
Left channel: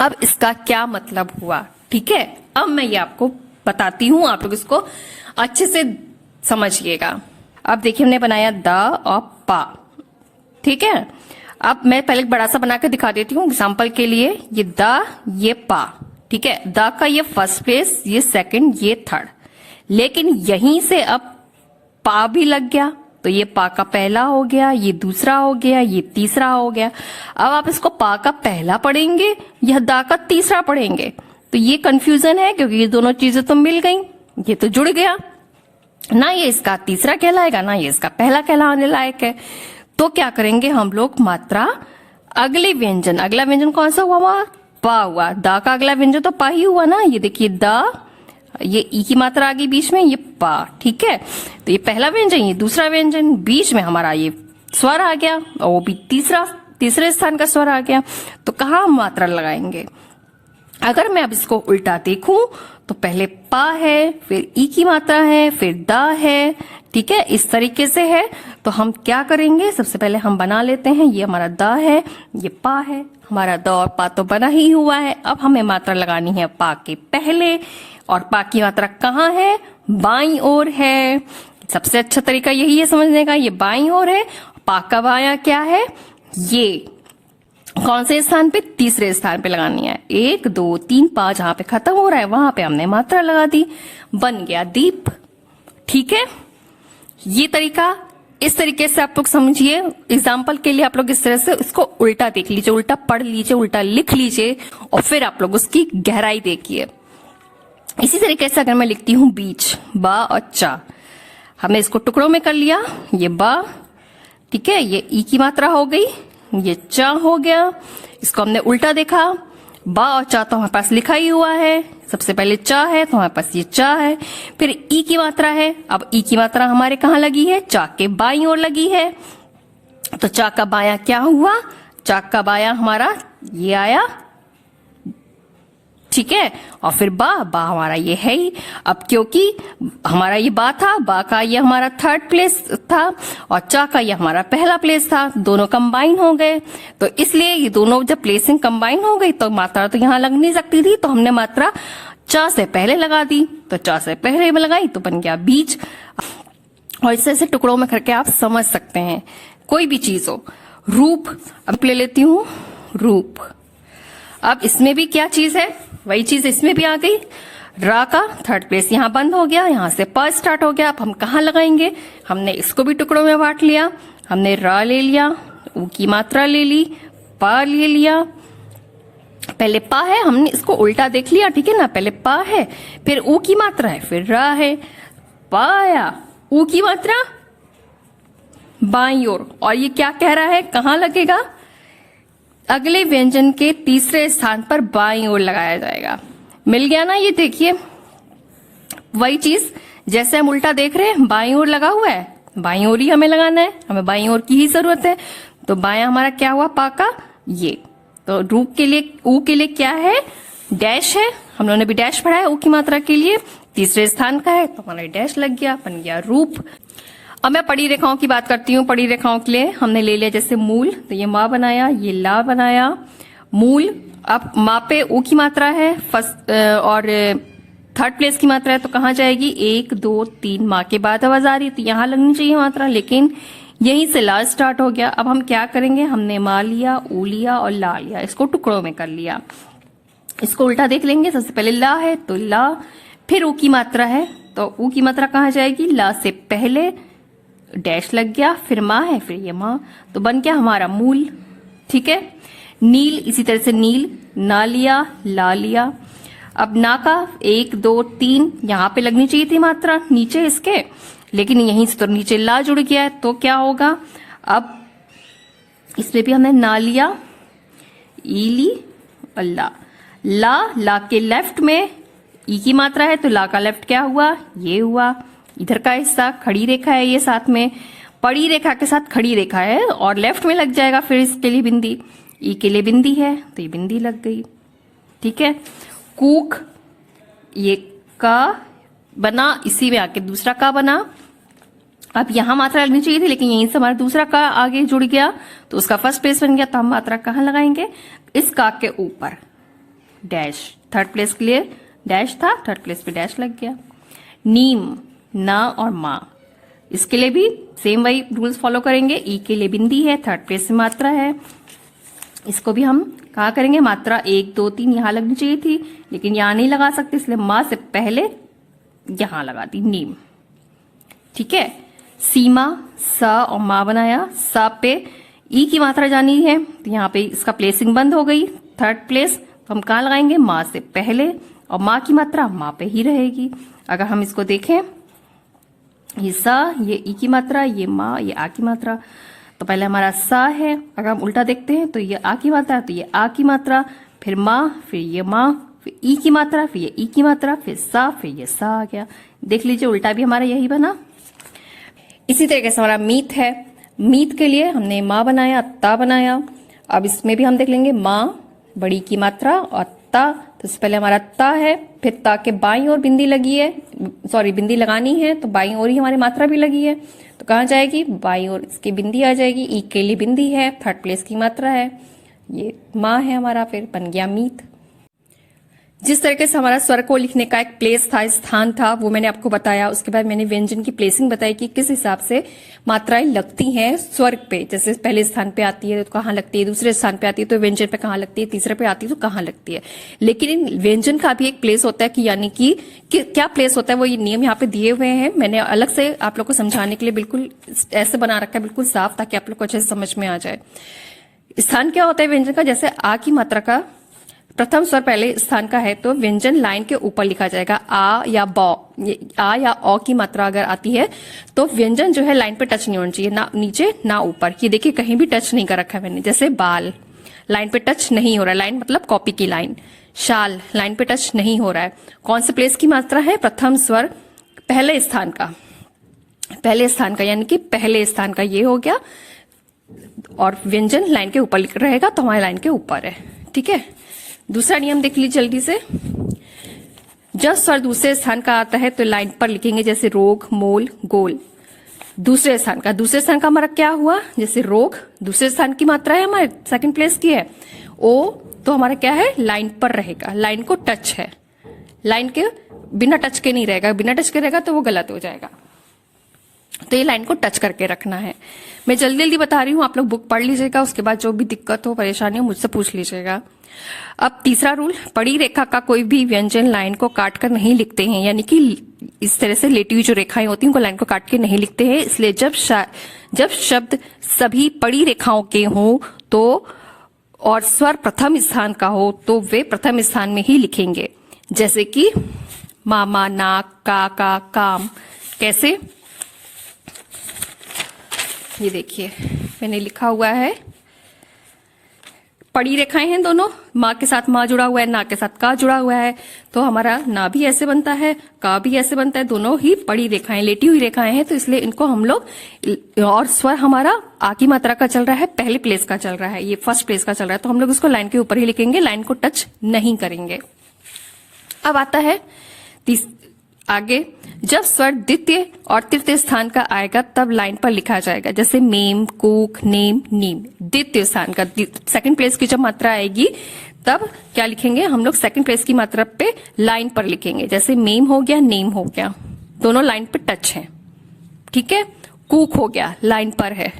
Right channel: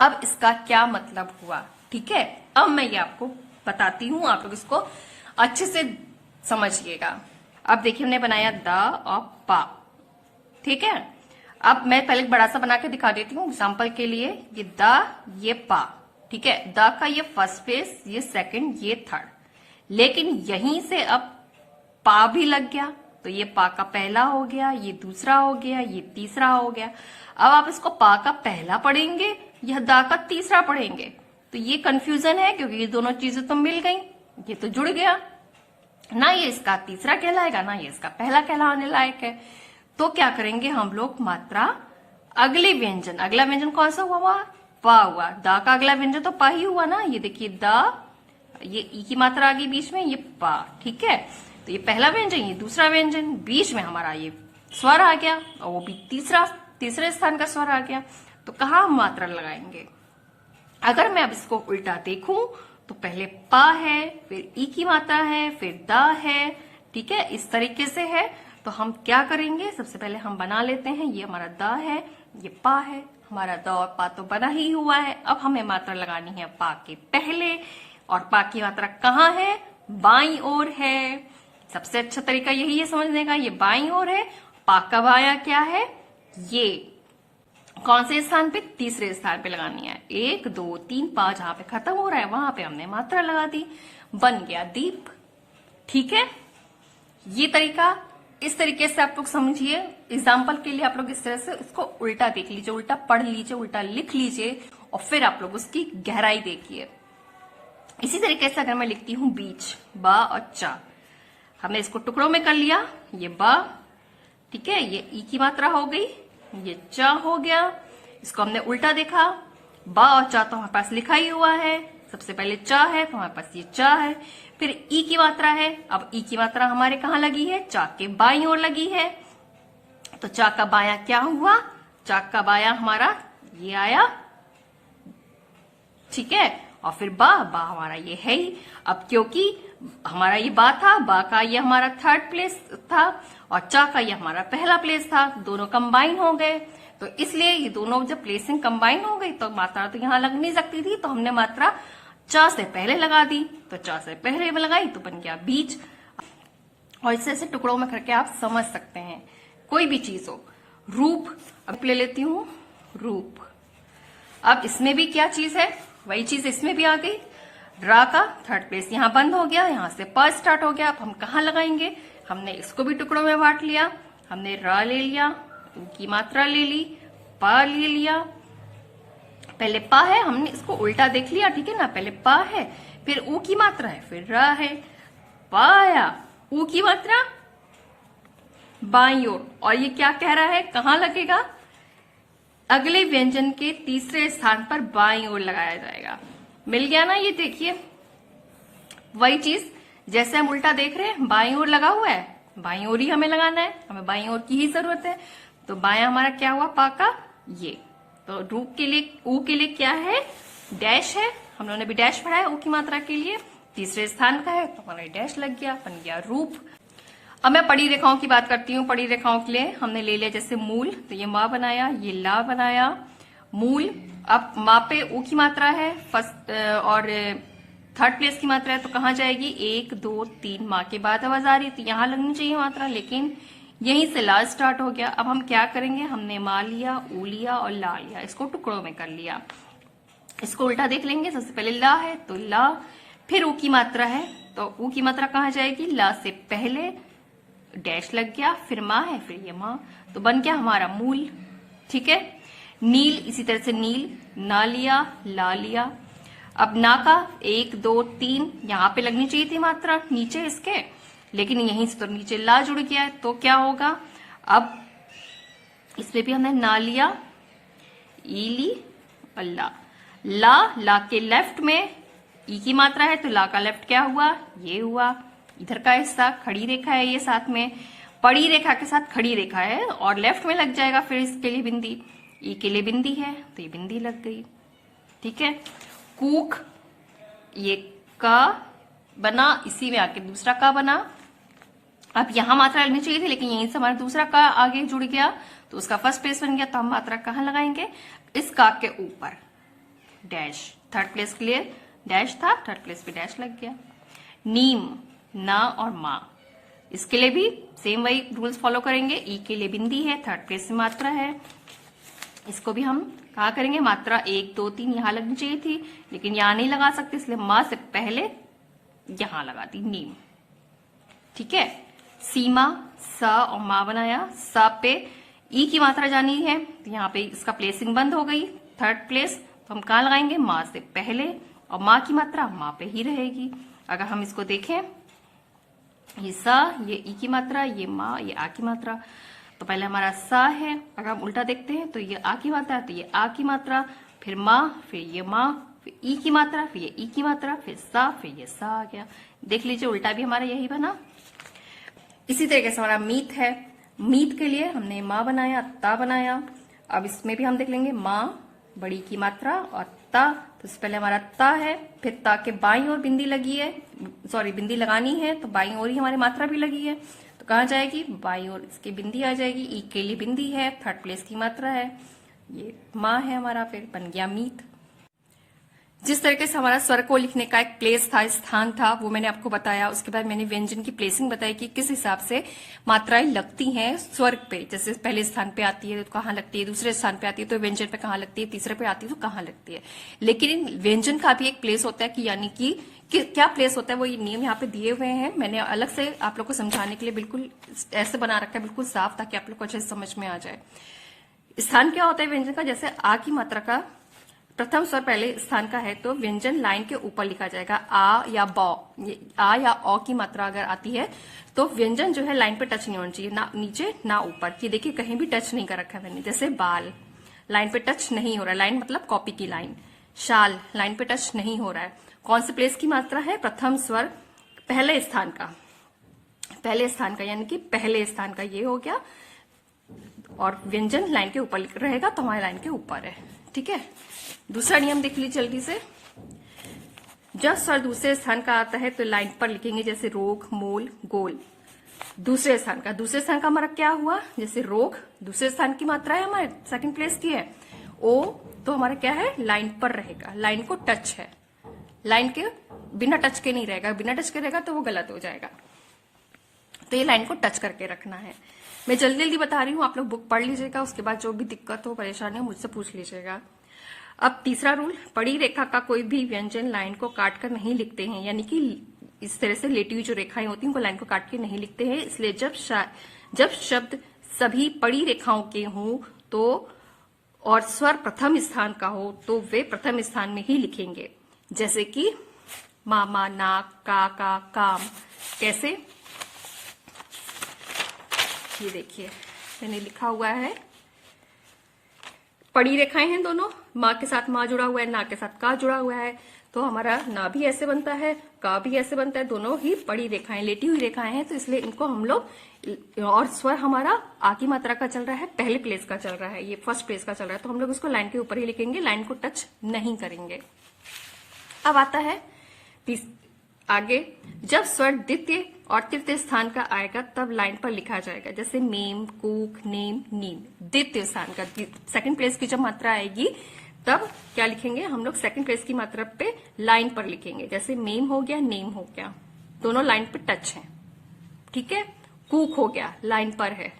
अब इसका क्या मतलब हुआ, ठीक है। अब मैं ये आपको बताती हूं, आप लोग इसको अच्छे से समझिएगा। अब देखिए हमने बनाया द और पा, ठीक है। अब मैं पहले बड़ा सा बना के दिखा देती हूँ एग्जाम्पल के लिए। ये द, ये पा, ठीक है। द का ये फर्स्ट प्लेस, ये सेकंड, ये थर्ड, लेकिन यहीं से अब पा भी लग गया, तो ये पा का पहला हो गया, ये दूसरा हो गया, ये तीसरा हो गया। अब आप इसको पा का पहला पढ़ेंगे या दा का तीसरा पढ़ेंगे, तो ये कंफ्यूजन है, क्योंकि ये दोनों चीजें तो मिल गई, ये तो जुड़ गया ना, ये इसका तीसरा कहलाएगा ना ये इसका पहला कहलाने लायक है। तो क्या करेंगे हम लोग, मात्रा अगला व्यंजन कौन सा हुआ, वहां पा हुआ, दा का अगला व्यंजन तो पा ही हुआ ना, ये देखिए दा, ये ई की मात्रा आ गई बीच में, ये पा, ठीक है। तो ये पहला व्यंजन, ये दूसरा व्यंजन, बीच में हमारा ये स्वर आ गया, और वो भी तीसरे स्थान का स्वर आ गया। तो कहाँ हम मात्रा लगाएंगे? अगर मैं अब इसको उल्टा देखूं तो पहले पा है, फिर ई की मात्रा है, फिर दा है, ठीक है, इस तरीके से है। तो हम क्या करेंगे, सबसे पहले हम बना लेते हैं, ये हमारा दा है, ये पा है, हमारा दा और पा तो बना ही हुआ है। अब हमें मात्रा लगानी है पा के पहले, और पा की मात्रा कहाँ है, बाईं ओर है। सबसे अच्छा तरीका यही है समझने का, ये बाईं ओर है। पा का बायां क्या है, ये कौन से स्थान पे, तीसरे स्थान पे लगानी है। 1 2 3 5 जहां पे खत्म हो रहा है वहां पे हमने मात्रा लगा दी, बन गया दीप, ठीक है। ये तरीका, इस तरीके से आप लोग समझिए। एग्जाम्पल के लिए आप लोग इस तरह से इसको उल्टा देख लीजिए, उल्टा पढ़ लीजिए, उल्टा लिख लीजिए, और फिर आप लोग उसकी गहराई देखिए। इसी तरीके से अगर मैं लिखती हूं बीच, बा और चा, हमने इसको टुकड़ों में कर लिया, ये बा, ठीक है, ये ई की मात्रा हो गई, ये चा हो गया। इसको हमने उल्टा देखा, बा और चा तो हमारे पास लिखा ही हुआ है, सबसे पहले चा है तो हमारे पास ये चा है, फिर ई की मात्रा है। अब ई की मात्रा हमारे कहाँ लगी है, चा के बाईं ओर लगी है। तो चा का बायां क्या हुआ, चा का बायां हमारा ये आया, ठीक है। और फिर बा हमारा ये है ही। अब क्योंकि हमारा ये बा था, बा का ये हमारा थर्ड प्लेस था, और चा का ये हमारा पहला प्लेस था, दोनों कंबाइन हो गए। तो इसलिए ये दोनों जब प्लेसिंग कंबाइन हो गई तो मात्रा तो यहाँ लग नहीं सकती थी, तो हमने मात्रा चा से पहले लगा दी। तो चा से पहले लगाई तो बन गया बीच। और इस तरह से टुकड़ों में करके आप समझ सकते हैं, कोई भी चीज हो। रूप, अब ले लेती हूं रूप। अब इसमें भी क्या चीज है, वही चीज इसमें भी आ गई। रा का थर्ड प्लेस यहाँ बंद हो गया, यहां से प स्टार्ट हो गया। अब हम कहाँ लगाएंगे, हमने इसको भी टुकड़ों में बांट लिया। हमने रा ले लिया, ऊ की मात्रा ले ली, पा ले लिया। पहले पा है, हमने इसको उल्टा देख लिया, ठीक है ना। पहले पा है, फिर ऊ की मात्रा है, फिर रा है, पाया, ऊ की मात्रा बाईं ओर। और ये क्या कह रहा है, कहाँ लगेगा, अगले व्यंजन के तीसरे स्थान पर बाईं ओर लगाया जाएगा। मिल गया ना, ये देखिए वही चीज जैसे हम उल्टा देख रहे हैं, बाईं ओर लगा हुआ है, बाईं ओर ही हमें लगाना है, हमें बाईं ओर की ही जरूरत है। तो बायां हमारा क्या हुआ, पा का ये। तो रूप के लिए, ऊ के लिए क्या है, डैश है, हम लोगों ने भी डैश पढ़ा है ऊ की मात्रा के लिए, तीसरे स्थान का है तो हमारा डैश लग गया, बन गया रूप। अब मैं पड़ी रेखाओं की बात करती हूँ। पड़ी रेखाओं के लिए हमने ले लिया जैसे मूल, तो ये माँ बनाया, ये ला बनाया, मूल। अब माँ पे ऊ की मात्रा है फर्स्ट और थर्ड प्लेस की मात्रा है, तो कहाँ जाएगी, 1 2 3 माँ के बाद आवाज आ रही है तो यहाँ लगनी चाहिए मात्रा, लेकिन यहीं से ला स्टार्ट हो गया। अब हम क्या करेंगे, हमने माँ लिया, ऊ लिया और ला लिया, इसको टुकड़ों में कर लिया। इसको उल्टा देख लेंगे, सबसे पहले ला है तो ला, फिर ऊ की मात्रा है तो ऊ की मात्रा कहाँ जाएगी, ला से पहले डैश लग गया, फिर माँ है, फिर ये माँ, तो बन गया हमारा मूल, ठीक है। नील, इसी तरह से नील, ना लिया, ला लिया। अब ना का 1 2 3 यहाँ पे लगनी चाहिए थी मात्रा नीचे इसके, लेकिन यहीं से तो नीचे ला जुड़ गया है, तो क्या होगा, अब इसमें भी हमने ना लिया, ई ली और ला के लेफ्ट में ई की मात्रा है तो ला का लेफ्ट क्या हुआ, ये हुआ। इधर का हिस्सा खड़ी रेखा है, ये साथ में पड़ी रेखा के साथ खड़ी रेखा है और लेफ्ट में लग जाएगा, फिर इसके लिए बिंदी, ई के लिए बिंदी है तो ये बिंदी लग गई, ठीक है। कूक, ये का बना, इसी में आके दूसरा का बना। अब यहां मात्रा लगनी चाहिए थी, लेकिन यहीं से हमारा दूसरा का आगे जुड़ गया तो उसका फर्स्ट प्लेस बन गया। तो हम मात्रा कहाँ लगाएंगे, इस का के ऊपर, डैश, थर्ड प्लेस के लिए डैश था, थर्ड प्लेस पे डैश लग गया। नीम, ना और माँ, इसके लिए भी सेम वही रूल्स फॉलो करेंगे। ई के लिए बिंदी है, थर्ड प्लेस से मात्रा है, इसको भी हम कहाँ करेंगे, मात्रा 1 2 3 यहाँ लगनी चाहिए थी, लेकिन यहाँ नहीं लगा सकते, इसलिए माँ से पहले यहां लगा दी नीम। ठीक है, सीमा सा और माँ बनाया, सा पे ई की मात्रा जानी है तो यहाँ पे इसका प्लेसिंग बंद हो गई, थर्ड प्लेस। तो हम कहाँ लगाएंगे, माँ से पहले, और माँ की मात्रा माँ पे ही रहेगी। अगर हम इसको देखें, ये सा, ये ई की मात्रा, ये माँ, ये आ की मात्रा, तो पहले हमारा सा है। अगर हम उल्टा देखते हैं तो ये आ की मात्रा, तो ये आ की मात्रा, फिर माँ, फिर ये माँ, फिर ई की मात्रा, फिर ये ई की मात्रा, फिर सा, फिर ये सा आ गया। देख लीजिए उल्टा भी हमारा यही बना। इसी तरीके से हमारा मीत है, मीत के लिए हमने माँ बनाया, ता बनाया। अब इसमें भी हम देख लेंगे माँ बड़ी की मात्रा और ता, तो इससे पहले हमारा ता है, फिर ता के बाईं ओर बिंदी लगी है, सॉरी बिंदी लगानी है तो बाईं ओर ही हमारी मात्रा भी लगी है, तो कहाँ जाएगी, बाईं ओर इसकी बिंदी आ जाएगी। ई के लिए बिंदी है, थर्ड प्लेस की मात्रा है, ये माँ है हमारा, फिर बन गया मीत। जिस तरीके से हमारा स्वर को लिखने का एक प्लेस था, स्थान था, वो मैंने आपको बताया। उसके बाद मैंने व्यंजन की प्लेसिंग बताई कि किस हिसाब से मात्राएं लगती हैं स्वर पे। जैसे पहले स्थान पे आती है तो कहाँ लगती है, दूसरे स्थान पे आती है तो व्यंजन पे कहाँ लगती है, तीसरे पे आती है तो कहाँ लगती है। लेकिन व्यंजन का भी एक प्लेस होता है कि यानी कि क्या प्लेस होता है, वो ये नियम यहाँ पे दिए हुए हैं। मैंने अलग से आप लोग को समझाने के लिए बिल्कुल ऐसे बना रखा है, बिल्कुल साफ, ताकि आप लोग को अच्छे से समझ में आ जाए। स्थान क्या होता है व्यंजन का, जैसे आ की मात्रा का प्रथम स्वर पहले स्थान का है तो व्यंजन लाइन के ऊपर लिखा जाएगा। आ या बौ, आ या औ की मात्रा अगर आती है तो व्यंजन जो है लाइन पे टच नहीं होना चाहिए, ना नीचे ना ऊपर। ये देखिए कहीं भी टच नहीं कर रखा है मैंने। जैसे बाल, लाइन पे टच नहीं हो रहा है, लाइन मतलब कॉपी की लाइन। शाल, लाइन पे टच नहीं हो रहा है। कौन से प्लेस की मात्रा है, प्रथम स्वर पहले स्थान का, पहले स्थान का, यानी कि पहले स्थान का ये हो गया। और व्यंजन लाइन के ऊपर रहेगा तो हमारी लाइन के ऊपर है। ठीक है, दूसरा नियम देख लीजिए जल्दी से। जब स्वर दूसरे स्थान का आता है तो लाइन पर लिखेंगे, जैसे रोग, मोल, गोल। दूसरे स्थान का, दूसरे स्थान का हमारा क्या हुआ, जैसे रोग दूसरे स्थान की मात्रा है, हमारे सेकंड प्लेस की है। ओ तो हमारा क्या है, लाइन पर रहेगा, लाइन को टच है, लाइन के बिना टच के नहीं रहेगा, बिना टच के रहेगा तो वो गलत हो जाएगा। तो ये लाइन को टच करके रखना है। मैं जल्दी जल्दी बता रही हूँ, आप लोग बुक पढ़ लीजिएगा, उसके बाद जो भी दिक्कत हो, परेशानी हो, मुझसे पूछ लीजिएगा। अब तीसरा रूल, पड़ी रेखा का कोई भी व्यंजन लाइन को काट कर नहीं लिखते हैं, यानी कि इस तरह से लेटी हुई जो रेखाएं होती हैं उनको लाइन को काट के नहीं लिखते हैं। इसलिए जब शब्द सभी पड़ी रेखाओं के हों तो और स्वर प्रथम स्थान का हो तो वे प्रथम स्थान में ही लिखेंगे। जैसे कि मामा, नाक, का, काम। कैसे, ये देखिए मैंने लिखा हुआ है, पड़ी रेखाएं हैं दोनों, माँ के साथ माँ जुड़ा हुआ है, ना के साथ का जुड़ा हुआ है, तो हमारा ना भी ऐसे बनता है, का भी ऐसे बनता है, दोनों ही पड़ी रेखाएं, लेटी हुई रेखाएं हैं, तो इसलिए इनको हम लोग, और स्वर हमारा आ की मात्रा का चल रहा है, पहले प्लेस का चल रहा है, ये फर्स्ट प्लेस का चल रहा है, तो हम लोग इसको लाइन के ऊपर ही लिखेंगे, लाइन को टच नहीं करेंगे। अब आता है आगे, जब स्वर द्वितीय और तृतीय स्थान का आएगा तब लाइन पर लिखा जाएगा। जैसे मेम, कूक, नेम, नीम। द्वितीय स्थान का, सेकंड प्लेस की जब मात्रा आएगी तब क्या लिखेंगे हम लोग, सेकंड प्लेस की मात्रा पे लाइन पर लिखेंगे। जैसे मेम हो गया, नेम हो गया, दोनों लाइन पे टच है। ठीक है, कूक हो गया, लाइन पर है।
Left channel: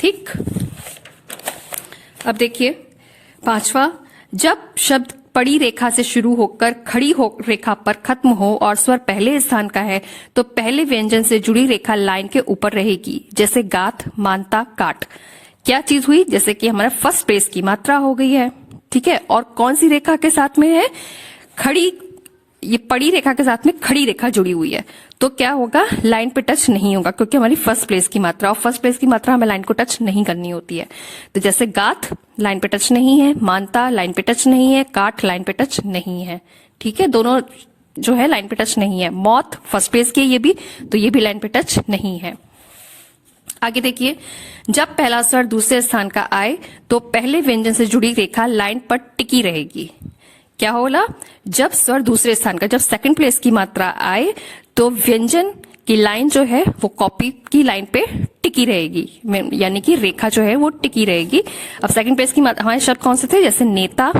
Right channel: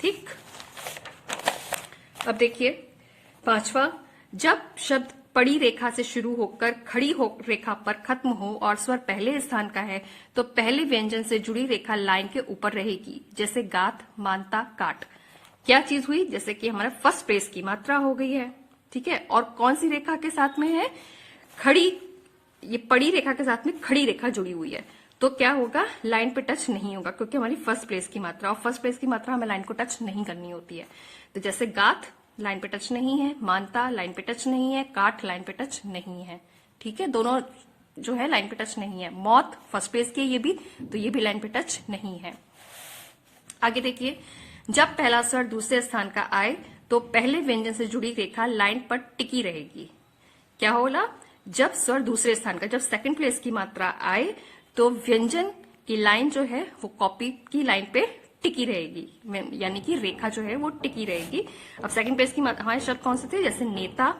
ठीक, अब देखिए पांचवा, जब शब्द पड़ी रेखा से शुरू होकर खड़ी हो रेखा पर खत्म हो और स्वर पहले स्थान का है तो पहले व्यंजन से जुड़ी रेखा लाइन के ऊपर रहेगी। जैसे गाथ, मानता, काट। क्या चीज हुई, जैसे कि हमारा फर्स्ट प्लेस की मात्रा हो गई है। ठीक है, और कौन सी रेखा के साथ में है, खड़ी, ये पड़ी रेखा के साथ में खड़ी रेखा जुड़ी हुई है, तो क्या होगा, लाइन पे टच नहीं होगा, क्योंकि हमारी फर्स्ट प्लेस की मात्रा, और फर्स्ट प्लेस की मात्रा हमें लाइन को टच नहीं करनी होती है। तो जैसे गाथ लाइन पे टच नहीं है, मानता लाइन पे टच नहीं है, काट लाइन पे टच नहीं है। ठीक है, दोनों जो है लाइन पे टच नहीं है। मौत फर्स्ट प्लेस की है ये भी, तो ये भी लाइन पे टच नहीं है। आगे देखिए, जब पहला स्वर दूसरे स्थान का आए तो पहले व्यंजन से जुड़ी रेखा लाइन पर टिकी रहेगी। क्या होला, जब स्वर दूसरे स्थान का, जब सेकंड प्लेस की मात्रा आए तो व्यंजन की लाइन जो है वो कॉपी की लाइन पे टिकी रहेगी, यानी कि रेखा जो है वो टिकी रहेगी। अब सेकंड प्लेस की हमारे शब्द कौन से थे, जैसे नेता,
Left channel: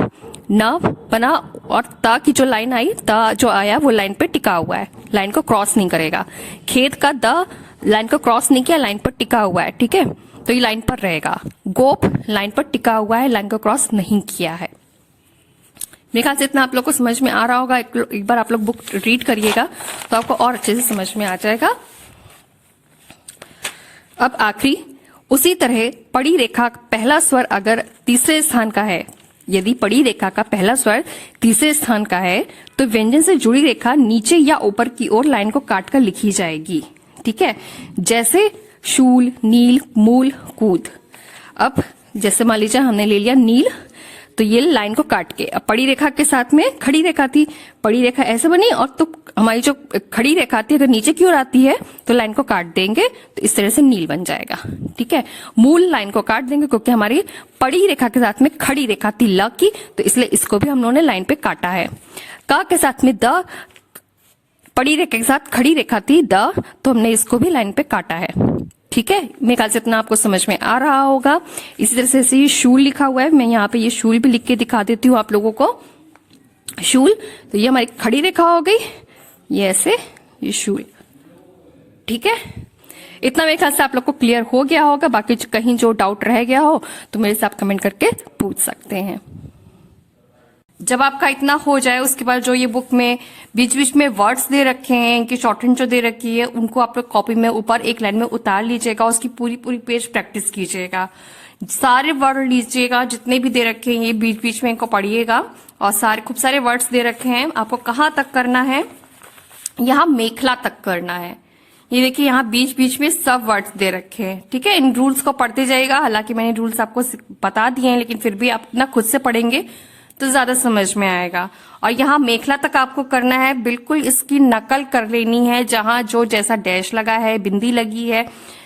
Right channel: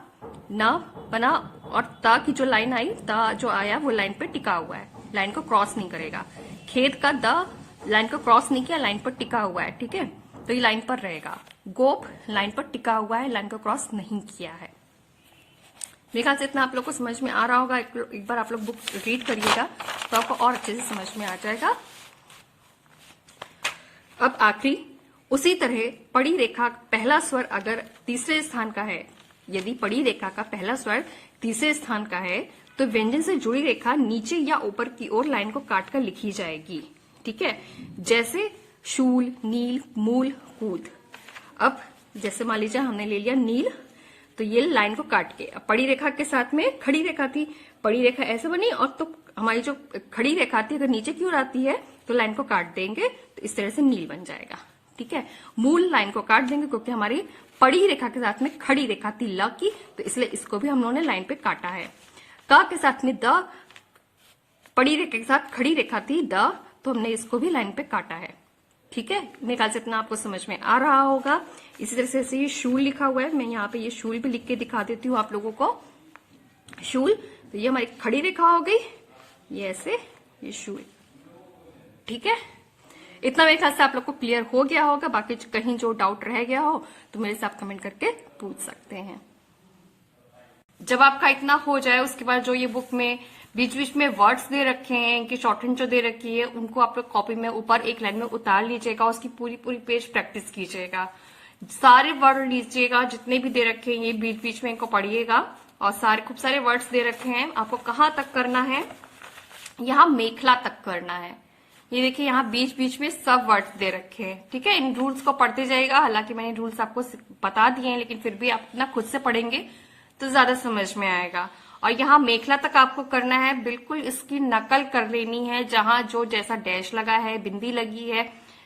न बना, और ता की जो लाइन आई, ता जो आया वो लाइन पे टिका हुआ है, लाइन को क्रॉस नहीं करेगा। खेत का द लाइन को क्रॉस नहीं किया, लाइन पर टिका हुआ है। ठीक है, तो ये लाइन पर रहेगा। गोप लाइन पर टिका हुआ है, लाइन को क्रॉस नहीं किया है। मेरे ख्याल से इतना आप लोग को समझ में आ रहा होगा। एक बार आप लोग बुक रीड करिएगा तो आपको और अच्छे से समझ में आ जाएगा। अब आखिरी, उसी तरह पड़ी रेखा पहला स्वर अगर तीसरे स्थान का है, यदि पड़ी रेखा का पहला स्वर तीसरे स्थान का है तो व्यंजन से जुड़ी रेखा नीचे या ऊपर की ओर लाइन को काटकर लिखी जाएगी। ठीक है, जैसे शूल, नील, मूल, कूद। अब जैसे मान लीजिए हमने ले लिया नील, तो ये लाइन को काट के, अब पड़ी रेखा के साथ में खड़ी रेखा थी, पड़ी रेखा ऐसे बनी और तो हमारी जो खड़ी रेखा थी अगर नीचे की ओर आती है तो लाइन को काट देंगे तो इस तरह से नील बन जाएगा। ठीक है, मूल लाइन को काट देंगे क्योंकि हमारी पड़ी रेखा के साथ में खड़ी रेखा थी ल की, तो इसलिए इसको भी हम लोगों ने लाइन पे काटा है। का के साथ में द, पड़ी रेखा के साथ खड़ी रेखा थी द, तो हमने इसको भी लाइन पे काटा है। ठीक है, मेरे ख्याल से इतना आपको समझ में आ रहा होगा। इसी तरह से ये शूल लिखा हुआ है, मैं यहाँ पे ये शूल भी लिख के दिखा देती हूँ आप लोगों को। शूल, तो ये हमारी खड़ी रेखा हो गई, ये ऐसे, ये शूल। ठीक है, इतना मेरे ख्याल से आप लोग को क्लियर हो गया होगा। बाकी कहीं जो डाउट रह गया हो तो मेरे से आप कमेंट करके पूछ सकते हैं। जब आपका इतना हो जाए उसके बाद जो ये बुक में बीच बीच में वर्ड्स दे रखे हैं, इनकी शॉर्टहैंड जो दे रखी है, उनको आप लोग कॉपी में ऊपर एक लाइन में उतार लीजिएगा, उसकी पूरी पूरी पेज प्रैक्टिस कीजिएगा। सारे वर्ड लीजिएगा जितने भी दे रखे हैं, ये बीच बीच में इनको पढ़िएगा। और सारे खूब सारे वर्ड्स दे रखे हैं, आपको कहाँ तक करना है, यहाँ मेखला तक करना है। ये देखिए यहाँ बीच बीच में सब वर्ड्स दे रखे हैं। ठीक है, इन रूल्स को पढ़ते जाइएगा। हालांकि मैंने रूल्स आपको बता दिए हैं, लेकिन फिर भी आप अपना खुद से पढ़ेंगे तो ज्यादा समझ में आएगा। और यहाँ मेखला तक आपको करना है, बिल्कुल इसकी नकल कर लेनी है। जहां जो जैसा डैश लगा है, बिंदी लगी है,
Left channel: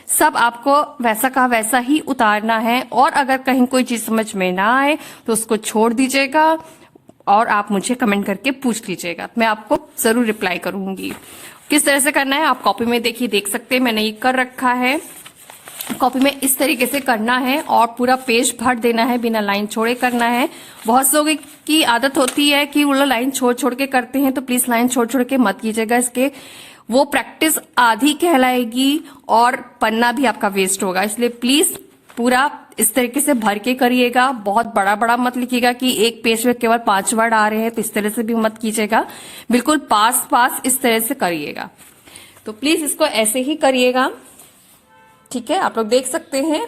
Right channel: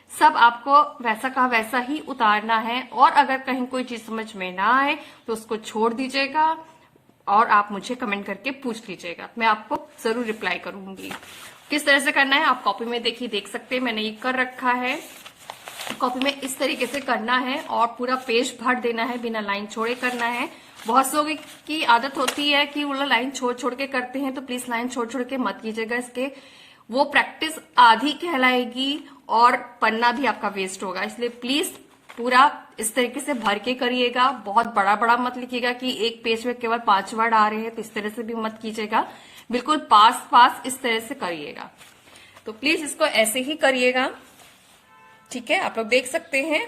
सब आपको वैसा का वैसा ही उतारना है। और अगर कहीं कोई चीज समझ में ना आए तो उसको छोड़ दीजिएगा और आप मुझे कमेंट करके पूछ लीजिएगा, मैं आपको जरूर रिप्लाई करूंगी। किस तरह से करना है आप कॉपी में देखिए, देख सकते हैं मैंने ये कर रखा है। कॉपी में इस तरीके से करना है और पूरा पेज भर देना है, बिना लाइन छोड़े करना है। बहुत लोगों की आदत होती है कि वो लोग लाइन छोड़ छोड़ के करते हैं, तो प्लीज लाइन छोड़ छोड़ के मत कीजिएगा। इसके वो प्रैक्टिस आधी कहलाएगी और पन्ना भी आपका वेस्ट होगा। इसलिए प्लीज पूरा इस तरीके से भर के करिएगा। बहुत बड़ा बड़ा मत लिखिएगा कि एक पेज में केवल 5 वर्ड आ रहे हैं, तो इस तरह से भी मत कीजिएगा। बिल्कुल पास पास इस तरह से करिएगा। तो प्लीज इसको ऐसे ही करिएगा। ठीक है, आप लोग देख सकते हैं,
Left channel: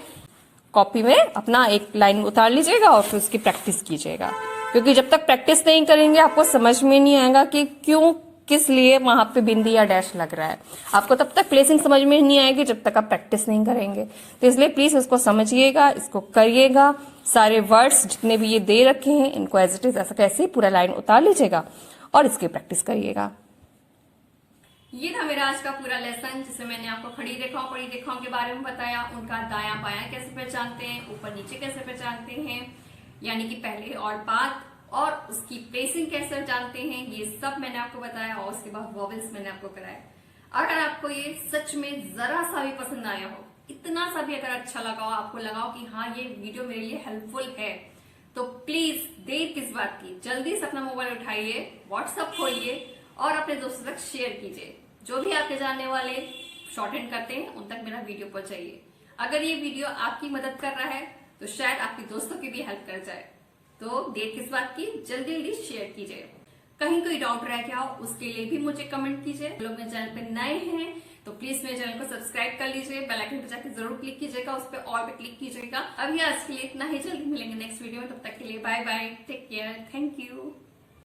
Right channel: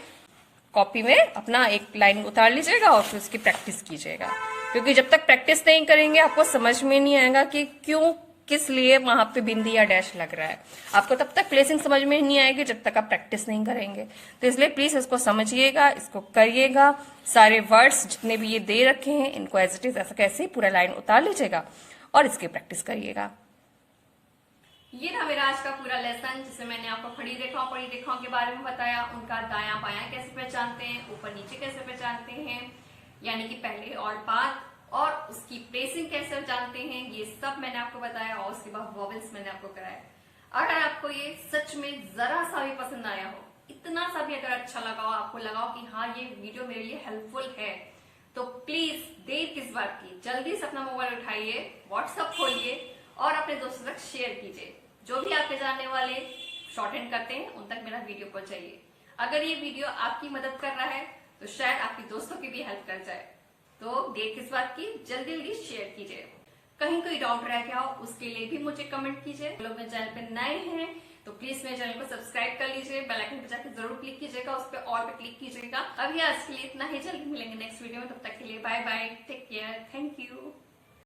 कॉपी में अपना एक लाइन उतार लीजिएगा और फिर उसकी प्रैक्टिस कीजिएगा। क्योंकि जब तक प्रैक्टिस नहीं करेंगे आपको समझ में नहीं आएगा कि क्यों, किस लिए वहां पे बिंदी या डैश लग रहा है। आपको तब तक प्लेसिंग समझ में नहीं आएगी जब तक आप प्रैक्टिस नहीं करेंगे। तो इसलिए प्लीज इसको समझिएगा, इसको करिएगा। सारे वर्ड्स जितने भी ये दे रखे हैं इनको एज इट इज ऐसा कैसे पूरा लाइन उतार लीजिएगा और इसकी प्रैक्टिस करिएगा। ये था मेरा आज का पूरा लेसन, जिसमें मैंने आपको खड़ी रेखाओं, पड़ी रेखाओं के बारे में बताया, उनका दायां बायां कैसे पहचानते हैं, ऊपर नीचे कैसे पहचानते हैं, यानी कि पहले और बाद, और उसकी प्लेसिंग कैसे जानते हैं, ये सब मैंने आपको बताया। और उसके बाद वॉवेल्स मैंने आपको कराया। अगर आपको ये सच में जरा सा भी पसंद आया हो, इतना सा भी अगर अच्छा लगा हो, आपको लगा हो कि हाँ ये वीडियो मेरे लिए हेल्पफुल है, तो प्लीज देर किस बात की, जल्दी से अपना मोबाइल उठाइए, व्हाट्सएप खोलिए और अपने दोस्तों तक शेयर कीजिए। जो भी आपके जानने वाले शॉर्टहैंड करते हैं उन तक मेरा वीडियो पहुंचाइए। अगर ये वीडियो आपकी मदद कर रहा है तो शायद आपके दोस्तों की भी हेल्प कर जाए। तो देर किस बात की, जल्दी जल्दी शेयर कीजिए। कहीं कोई डाउट रह गया हो उसके लिए भी मुझे कमेंट कीजिए। लोग मेरे चैनल पे नए हैं तो प्लीज मेरे चैनल को सब्सक्राइब कर लीजिए, बेल आइकन पे जाकर जरूर क्लिक कीजिएगा, उस पर ऑल पे क्लिक कीजिएगा। अभी आज के लिए इतना ही, जल्दी मिलेंगे नेक्स्ट वीडियो में। तब तक के लिए bye bye, take care, thank you.